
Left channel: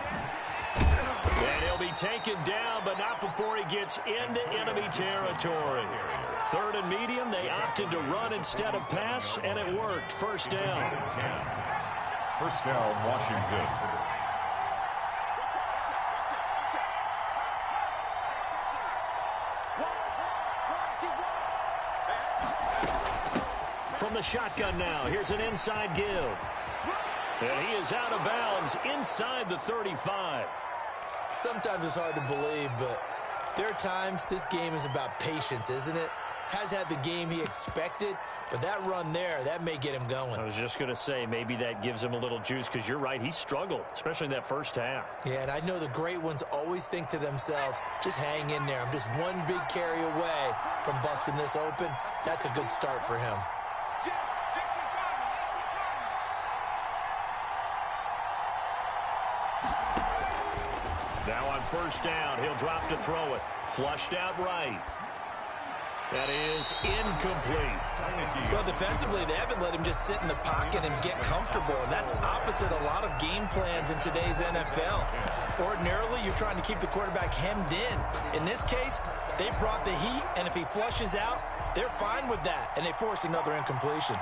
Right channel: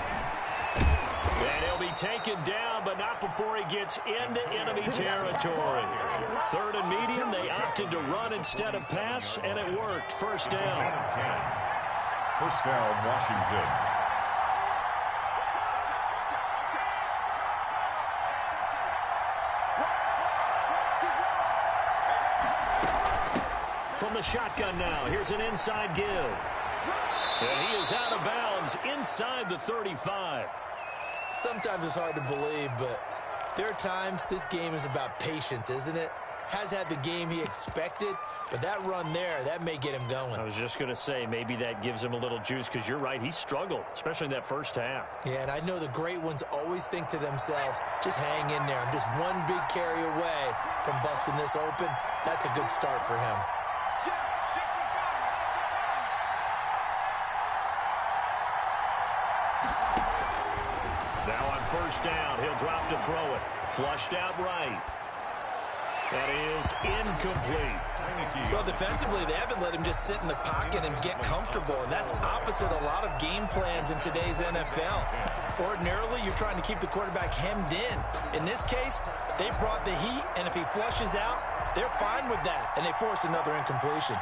And he'll be taken down, but not before he gets into enemy territory. 3rd and medium, they opted to run instead of pass, and it worked. 1st down. 1st down, Washington. From the shotgun now, here's an inside give. And he is out of bounds inside the 35. Sometimes it's hard to believe, but there are times this game is about patience, isn't it? Has had the game he expected, but that run there, that may get him going. I was just going to say, maybe that gives him a little juice because you're right, he struggled, especially in that 1st half. Yeah, and I know the great ones always think to themselves, just hang in there. I'm just one big carry away from busting this open. That's a good start for him. Now on 1st down, he'll drop to throw it. Flushed out right. That is incomplete. Well, defensively, they haven't let him just sit in the pocket and get comfortable, and that's opposite a lot of game plans in today's NFL. Ordinarily, you're trying to keep the quarterback hemmed in. In this case, they brought the heat, and if he flushes out, they're fine with that, and they force another incompletion.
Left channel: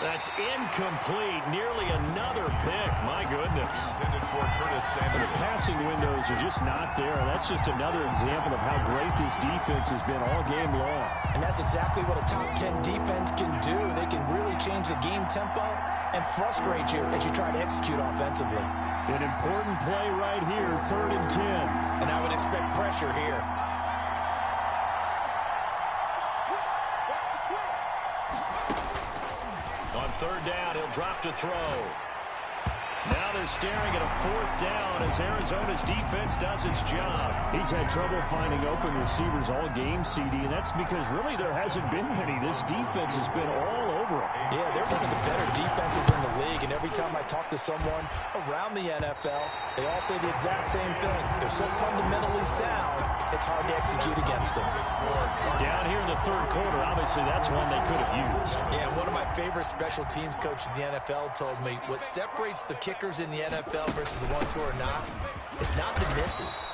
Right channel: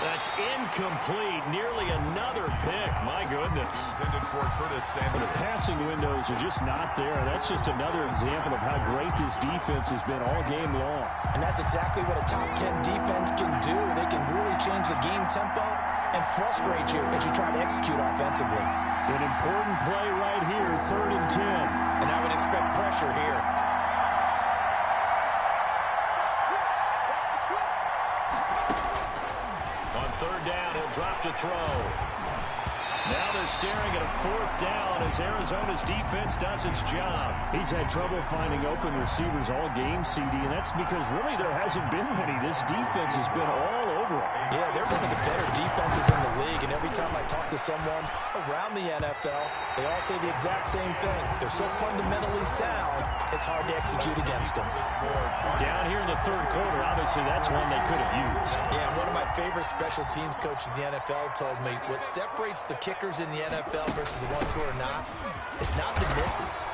That's incomplete. Nearly another pick. My goodness. Intended for Curtis Samuel. The passing windows are just not there. That's just another example of how great this defense has been all game long. And that's exactly what a top 10 defense can do. They can really change the game tempo and frustrate you as you try to execute offensively. An important play right here, 3rd and 10. And I would expect pressure here. On 3rd down, he'll drop to throw. Now they're staring at a 4th down as Arizona's defense does its job. He's had trouble finding open receivers all game, CD, and that's because really there hasn't been many. This defense has been all over them. Yeah, they're one of the better defenses in the league, and every time I talk to someone around the NFL, they all say the exact same thing. They're so fundamentally sound, it's hard to execute against them. Down here in the 3rd quarter, obviously that's one they could have used. Yeah, one of my favorite special teams coaches in the NFL told me what separates the kickers in the NFL versus the ones who are not is not the misses.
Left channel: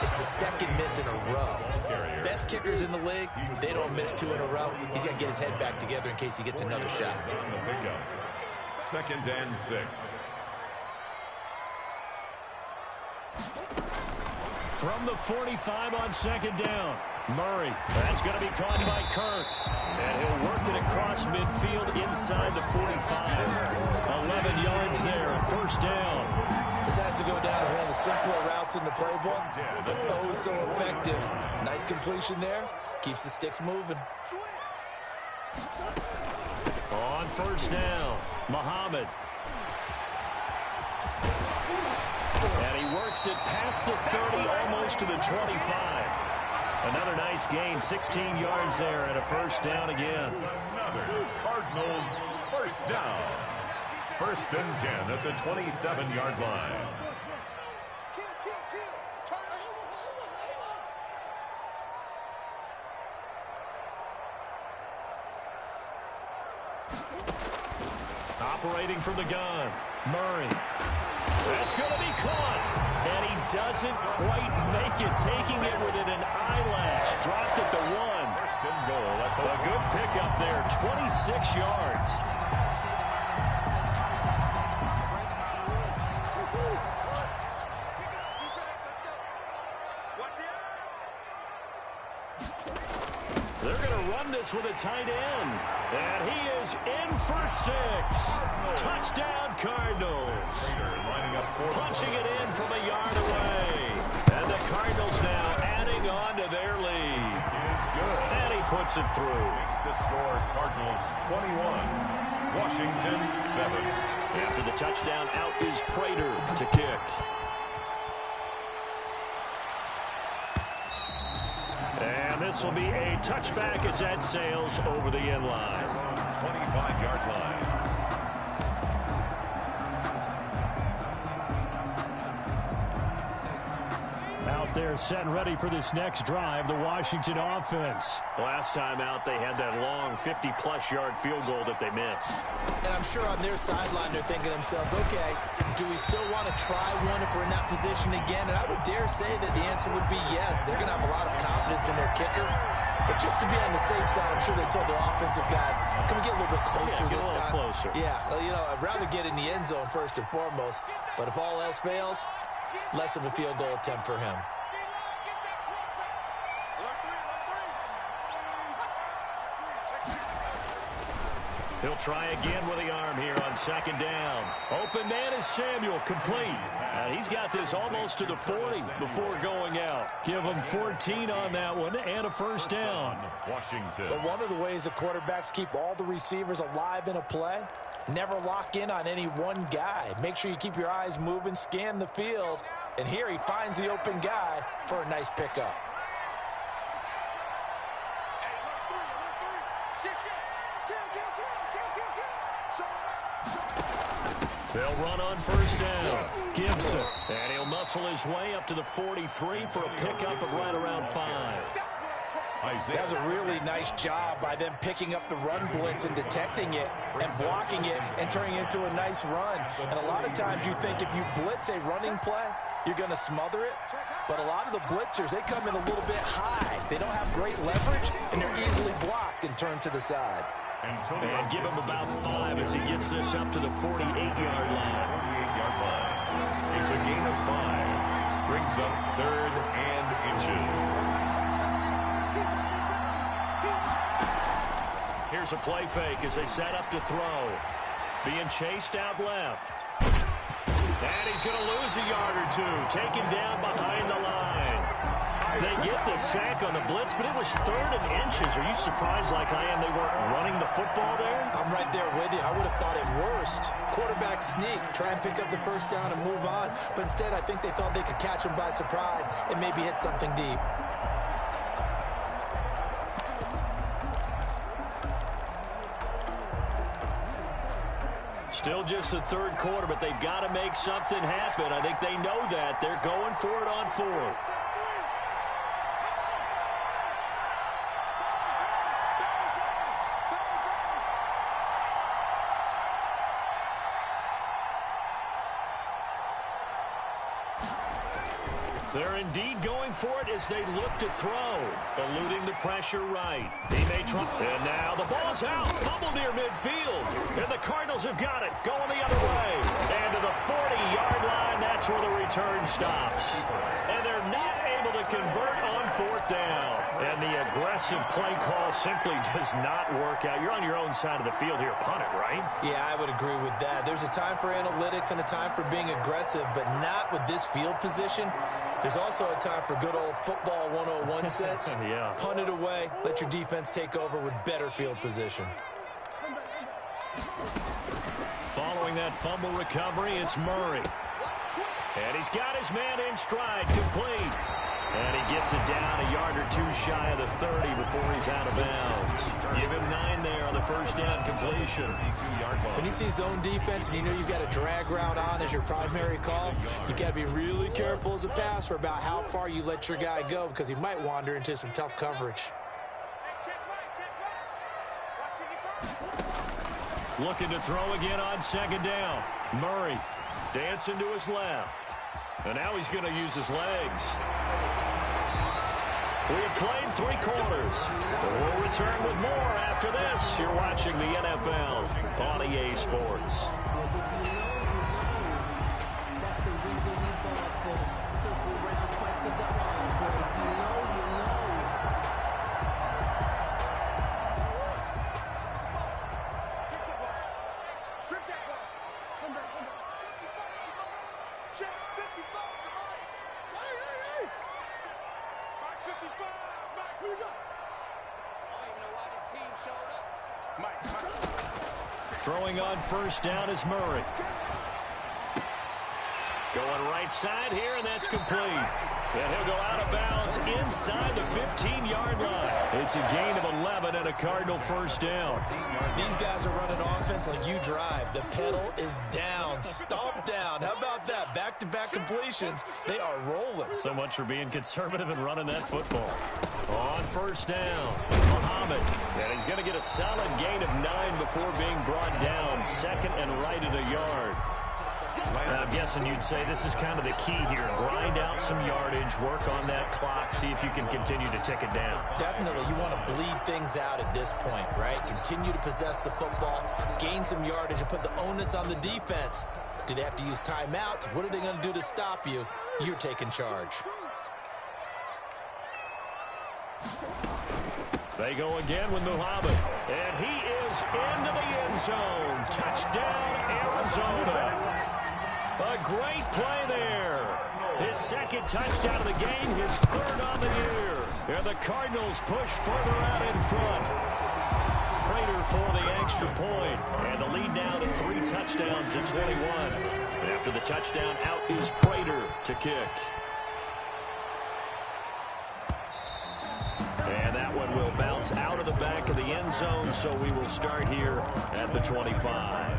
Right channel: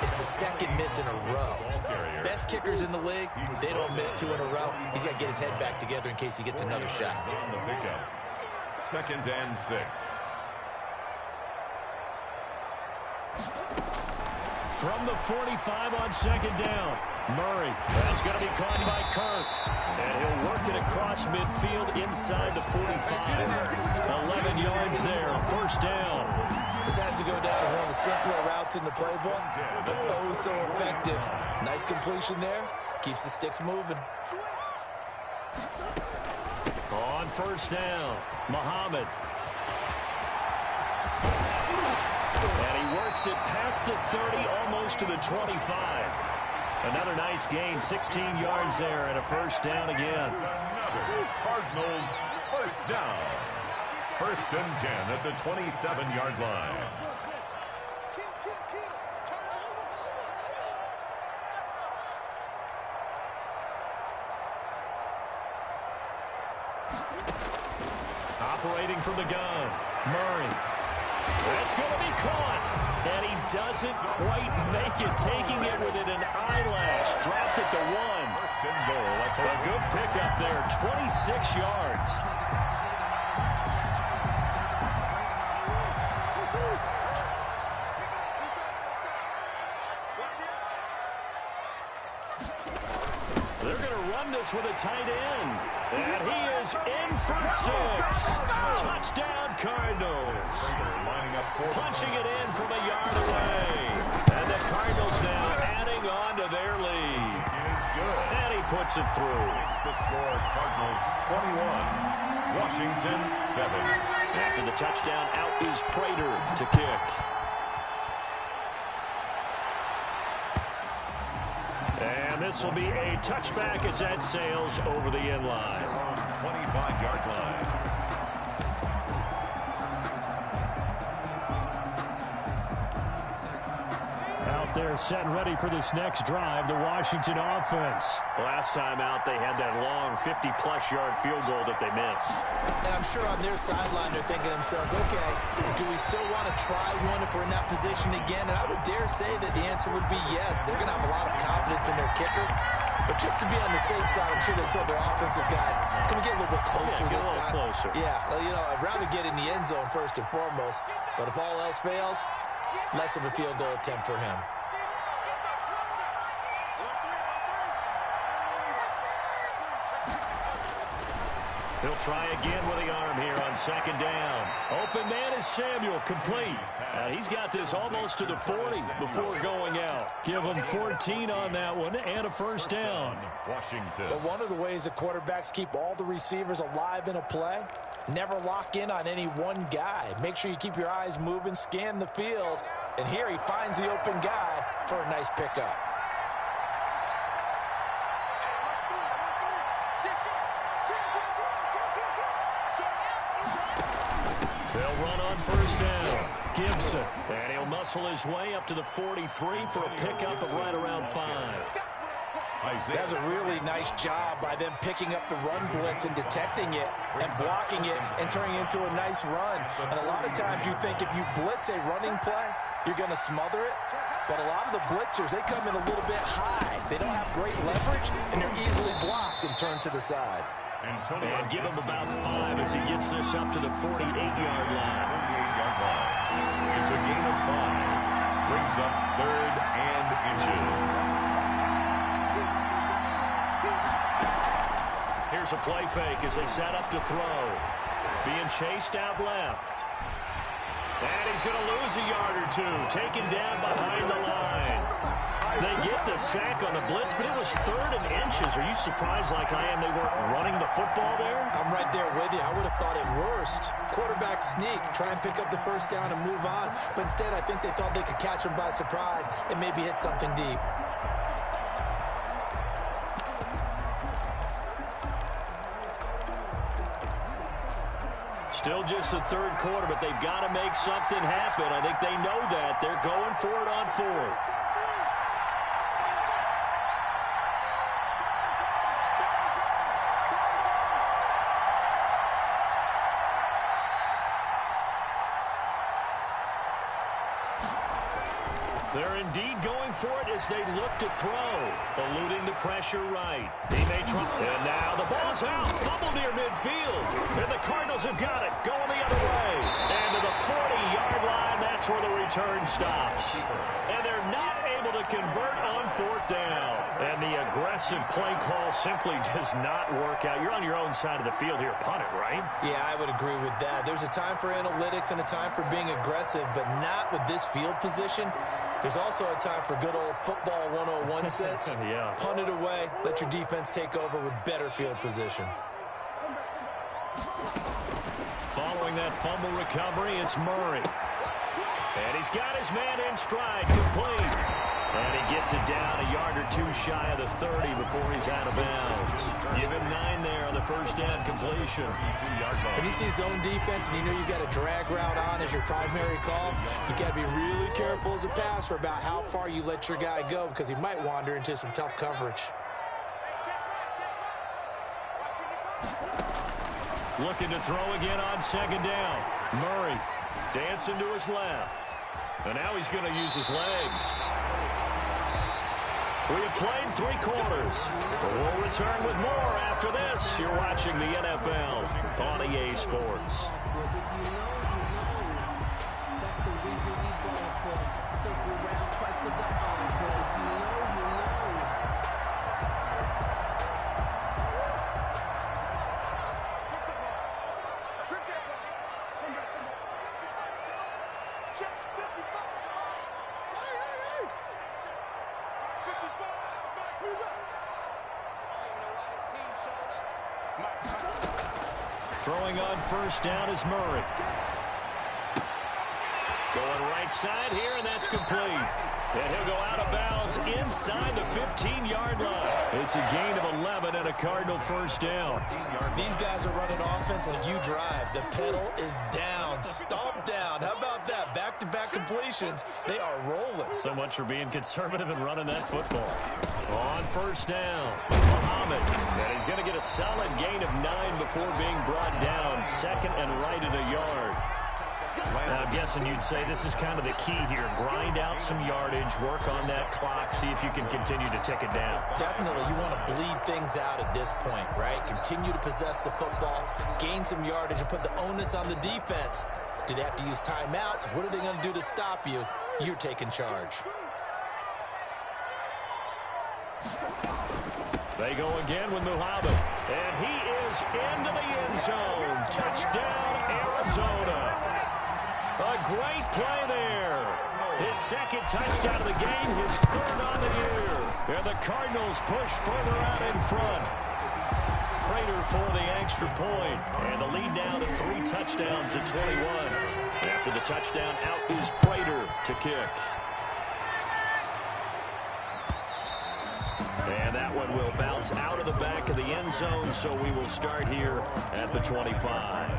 It's the second miss in a row. Best kickers in the league, they don't miss 2 in a row. He's got to get his head back together in case he gets another shot. On the pickup. 2nd and 6. From the 45 on 2nd down. Murray. That's going to be caught by Kirk. And he'll work it across midfield inside the 45. 11 yards there, 1st down. This has to go down as one of the simpler routes in the playbook, but oh so effective. Nice completion there. Keeps the sticks moving. On 1st down, Muhammad. And he works it past the 30, almost to the 25. Another nice gain, 16 yards there, and a 1st down again. Another Cardinals 1st down. 1st and 10 at the 27-yard line. Operating from the gun, Murray. That's going to be caught. And he doesn't quite make it, taking it within an eyelash. Dropped at the 1. 1st and goal at the A good pickup there, 26 yards. They're going to run this with a tight end. And he is in for 6. Touchdown, Cardinals. Punching it in from a yard away. And the Cardinals now adding on to their lead. And he puts it through. Makes the score Cardinals 21, Washington 7. After the touchdown, out is Prater to kick. And this will be a touchback as that sails over the end line. 25-yard line. Out there set and ready for this next drive, the Washington offense. Last time out, they had that long 50-plus yard field goal that they missed. And I'm sure on their sideline they're thinking to themselves, okay, do we still want to try one if we're in that position again? And I would dare say that the answer would be yes. They're going to have a lot of confidence in their kicker. But just to be on the safe side, I'm sure they told their offensive guys, can we get a little bit closer this time? Closer. Yeah, well, you know, I'd rather get in the end zone first and foremost. But if all else fails, less of a field goal attempt for him. He'll try again with the arm here on 2nd down. Open man is Samuel, complete. He's got this almost to the 40 before going out. Give him 14 on that one and a 1st down. Washington. But one of the ways that quarterbacks keep all the receivers alive in a play, never lock in on any one guy. Make sure you keep your eyes moving, scan the field, and here he finds the open guy for a nice pickup. They'll run on 1st down. Gibson. And he'll muscle his way up to the 43 for a pickup of right around 5. That's a really nice job by them picking up the run blitz and detecting it and blocking it and turning it into a nice run. And a lot of times you think if you blitz a running play, you're going to smother it. But a lot of the blitzers, they come in a little bit high. They don't have great leverage, and they're easily blocked and turned to the side. And give him about 5 as he gets this up to the 48-yard line. 48-yard line. It's a gain of 5. Brings up 3rd and inches. Here's a play fake as they set up to throw. Being chased out left. And he's going to lose a yard or 2. Taken down behind the line. They get the sack on the blitz, but it was 3rd and inches. Are you surprised like I am they weren't running the football there? I'm right there with you. I would have thought at worst, quarterback sneak, try and pick up the first down and move on. But instead, I think they thought they could catch him by surprise and maybe hit something deep. Still just the 3rd quarter, but they've got to make something happen. I think they know that. They're going for it on 4th. They're indeed going for it as they look to throw. Eluding the pressure right. He may try. And now the ball's out. Fumble near midfield. And the Cardinals have got it. Going the other way. And to the 40-yard line, that's where the return stops. And they're not able to convert on 4th down. And the aggressive play call simply does not work out. You're on your own side of the field here. Punt it, right? Yeah, I would agree with that. There's a time for analytics and a time for being aggressive, but not with this field position. There's also a time for good old football 101 sense. Yeah. Punt it away. Let your defense take over with better field position. Following that fumble recovery, it's Murray. And he's got his man in stride, complete. And he gets it down a yard or 2 shy of the 30 before he's out of bounds. Give him 9 there on the first down completion. When you see zone defense and you know you've got a drag route on as your primary call, you've got to be really careful as a passer about how far you let your guy go because he might wander into some tough coverage. Looking to throw again on 2nd down. Murray dancing to his left. And now he's going to use his legs. We have played 3 quarters. We'll return with more after this. You're watching the NFL on EA Sports. That's the reason we ball for. Circle round twice for the encore. If you know, you know. Strip the ball. Strip that ball. Come back, come back. 55. Check 55. Hey. Mike 55. Mike, who you got? I don't even know why this team showed up. Mike. Throwing on first down is Murray. Going right side here, and that's complete. And he'll go out of bounds inside the 15-yard line. It's a gain of 11 and a Cardinal first down. These guys are running offense like you drive. The pedal is down, stomp down. How about that? Back-to-back completions. They are rolling. So much for being conservative and running that football. On first down, Muhammad. And he's going to get a solid gain of 9 before being brought down. 2nd and right at a yard. I'm guessing you'd say this is kind of the key here. Grind out some yardage, work on that clock, see if you can continue to tick it down. Definitely. You want to bleed things out at this point, right? Continue to possess the football, gain some yardage, and put the onus on the defense. Do they have to use timeouts? What are they going to do to stop you? You're taking charge. They go again with Muhammad. And he is into the end zone. Touchdown, Arizona. A great play there. His 2nd touchdown of the game, his 3rd on the year. And the Cardinals push further out in front. Prater for the extra point. And the lead now to 3 touchdowns at 21. After the touchdown, out is Prater to kick. And that one will bounce out of the back of the end zone, so we will start here at the 25.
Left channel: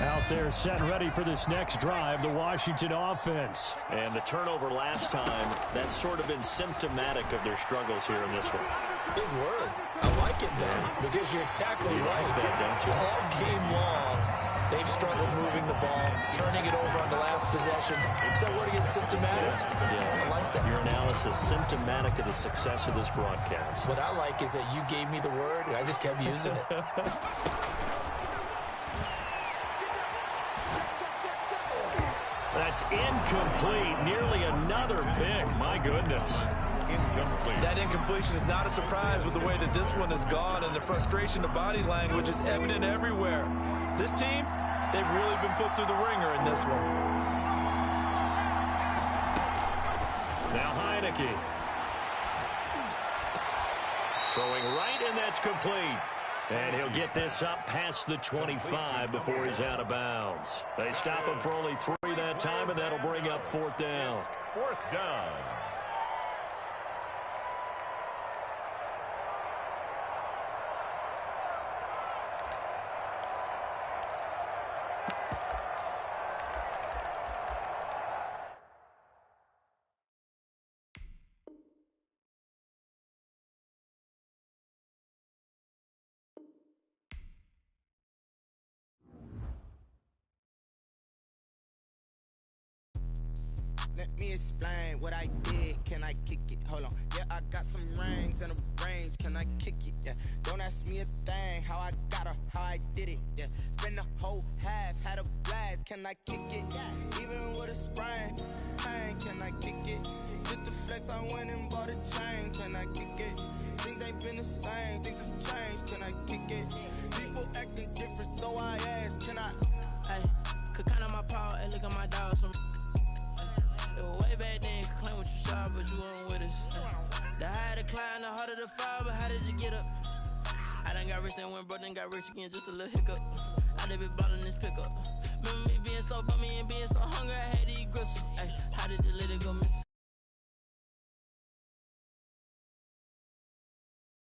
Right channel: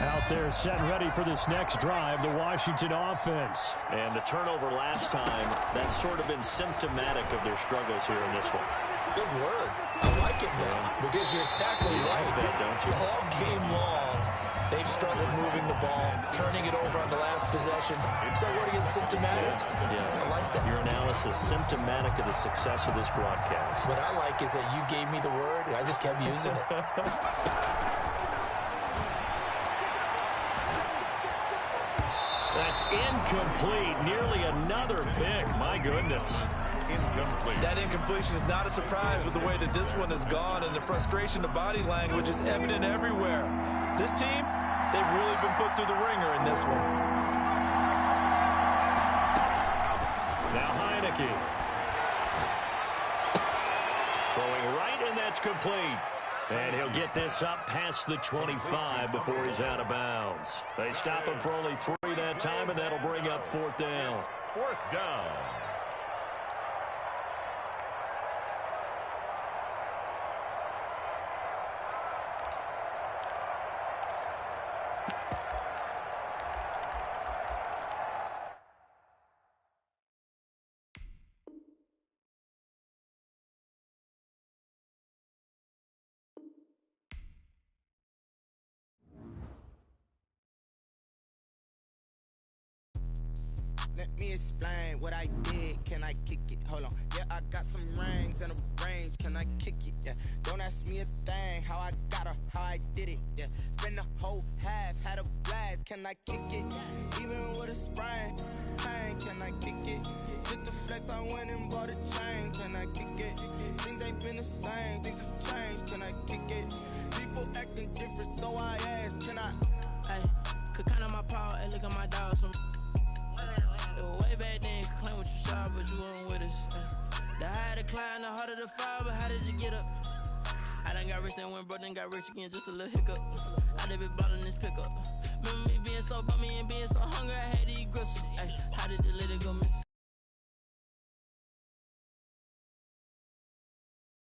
Out there set and ready for this next drive, the Washington offense. And the turnover last time, that's sort of been symptomatic of their struggles here in this one. Big word. I like it, though, because you're exactly right. Like that, don't you? All game long, they've struggled moving the ball, turning it over on the last possession. Is that word again, symptomatic? Yeah. I like that. Your analysis, symptomatic of the success of this broadcast. What I like is that you gave me the word, and I just kept using it. That's incomplete. Nearly another pick. My goodness. incomplete. That incompletion is not a surprise with the way that this one has gone, and the frustration, the body language is evident everywhere. This team, they've really been put through the ringer in this one. Now Heineke. Throwing right, and that's complete. And he'll get this up past the 25 before he's out of bounds. They stop him for only 3 that time, and that'll bring up 4th down. 4th down. Let me explain what I did. Can I kick it? Hold on. Yeah, I got some rings and a range. Can I kick it? Yeah. Don't ask me a thing. How I got her, how I did it. Yeah. Spend the whole half, had a blast. Can I kick it? Even with a sprain. Pain, can I kick it? Just the flex, I went and bought a chain. Can I kick it? Things ain't been the same. Things have changed. Can I kick it? People acting different, so I ask. Can I? Hey, could count on my power and look at my dogs from. Way back then, you could claim what you saw, but you weren't with us. The higher the climb, the harder the fall, but how did you get up? I done got rich, then went broke, then got rich again, just a little hiccup. I done been ballin' this pickup. Remember me being so bummy and being so hungry, I had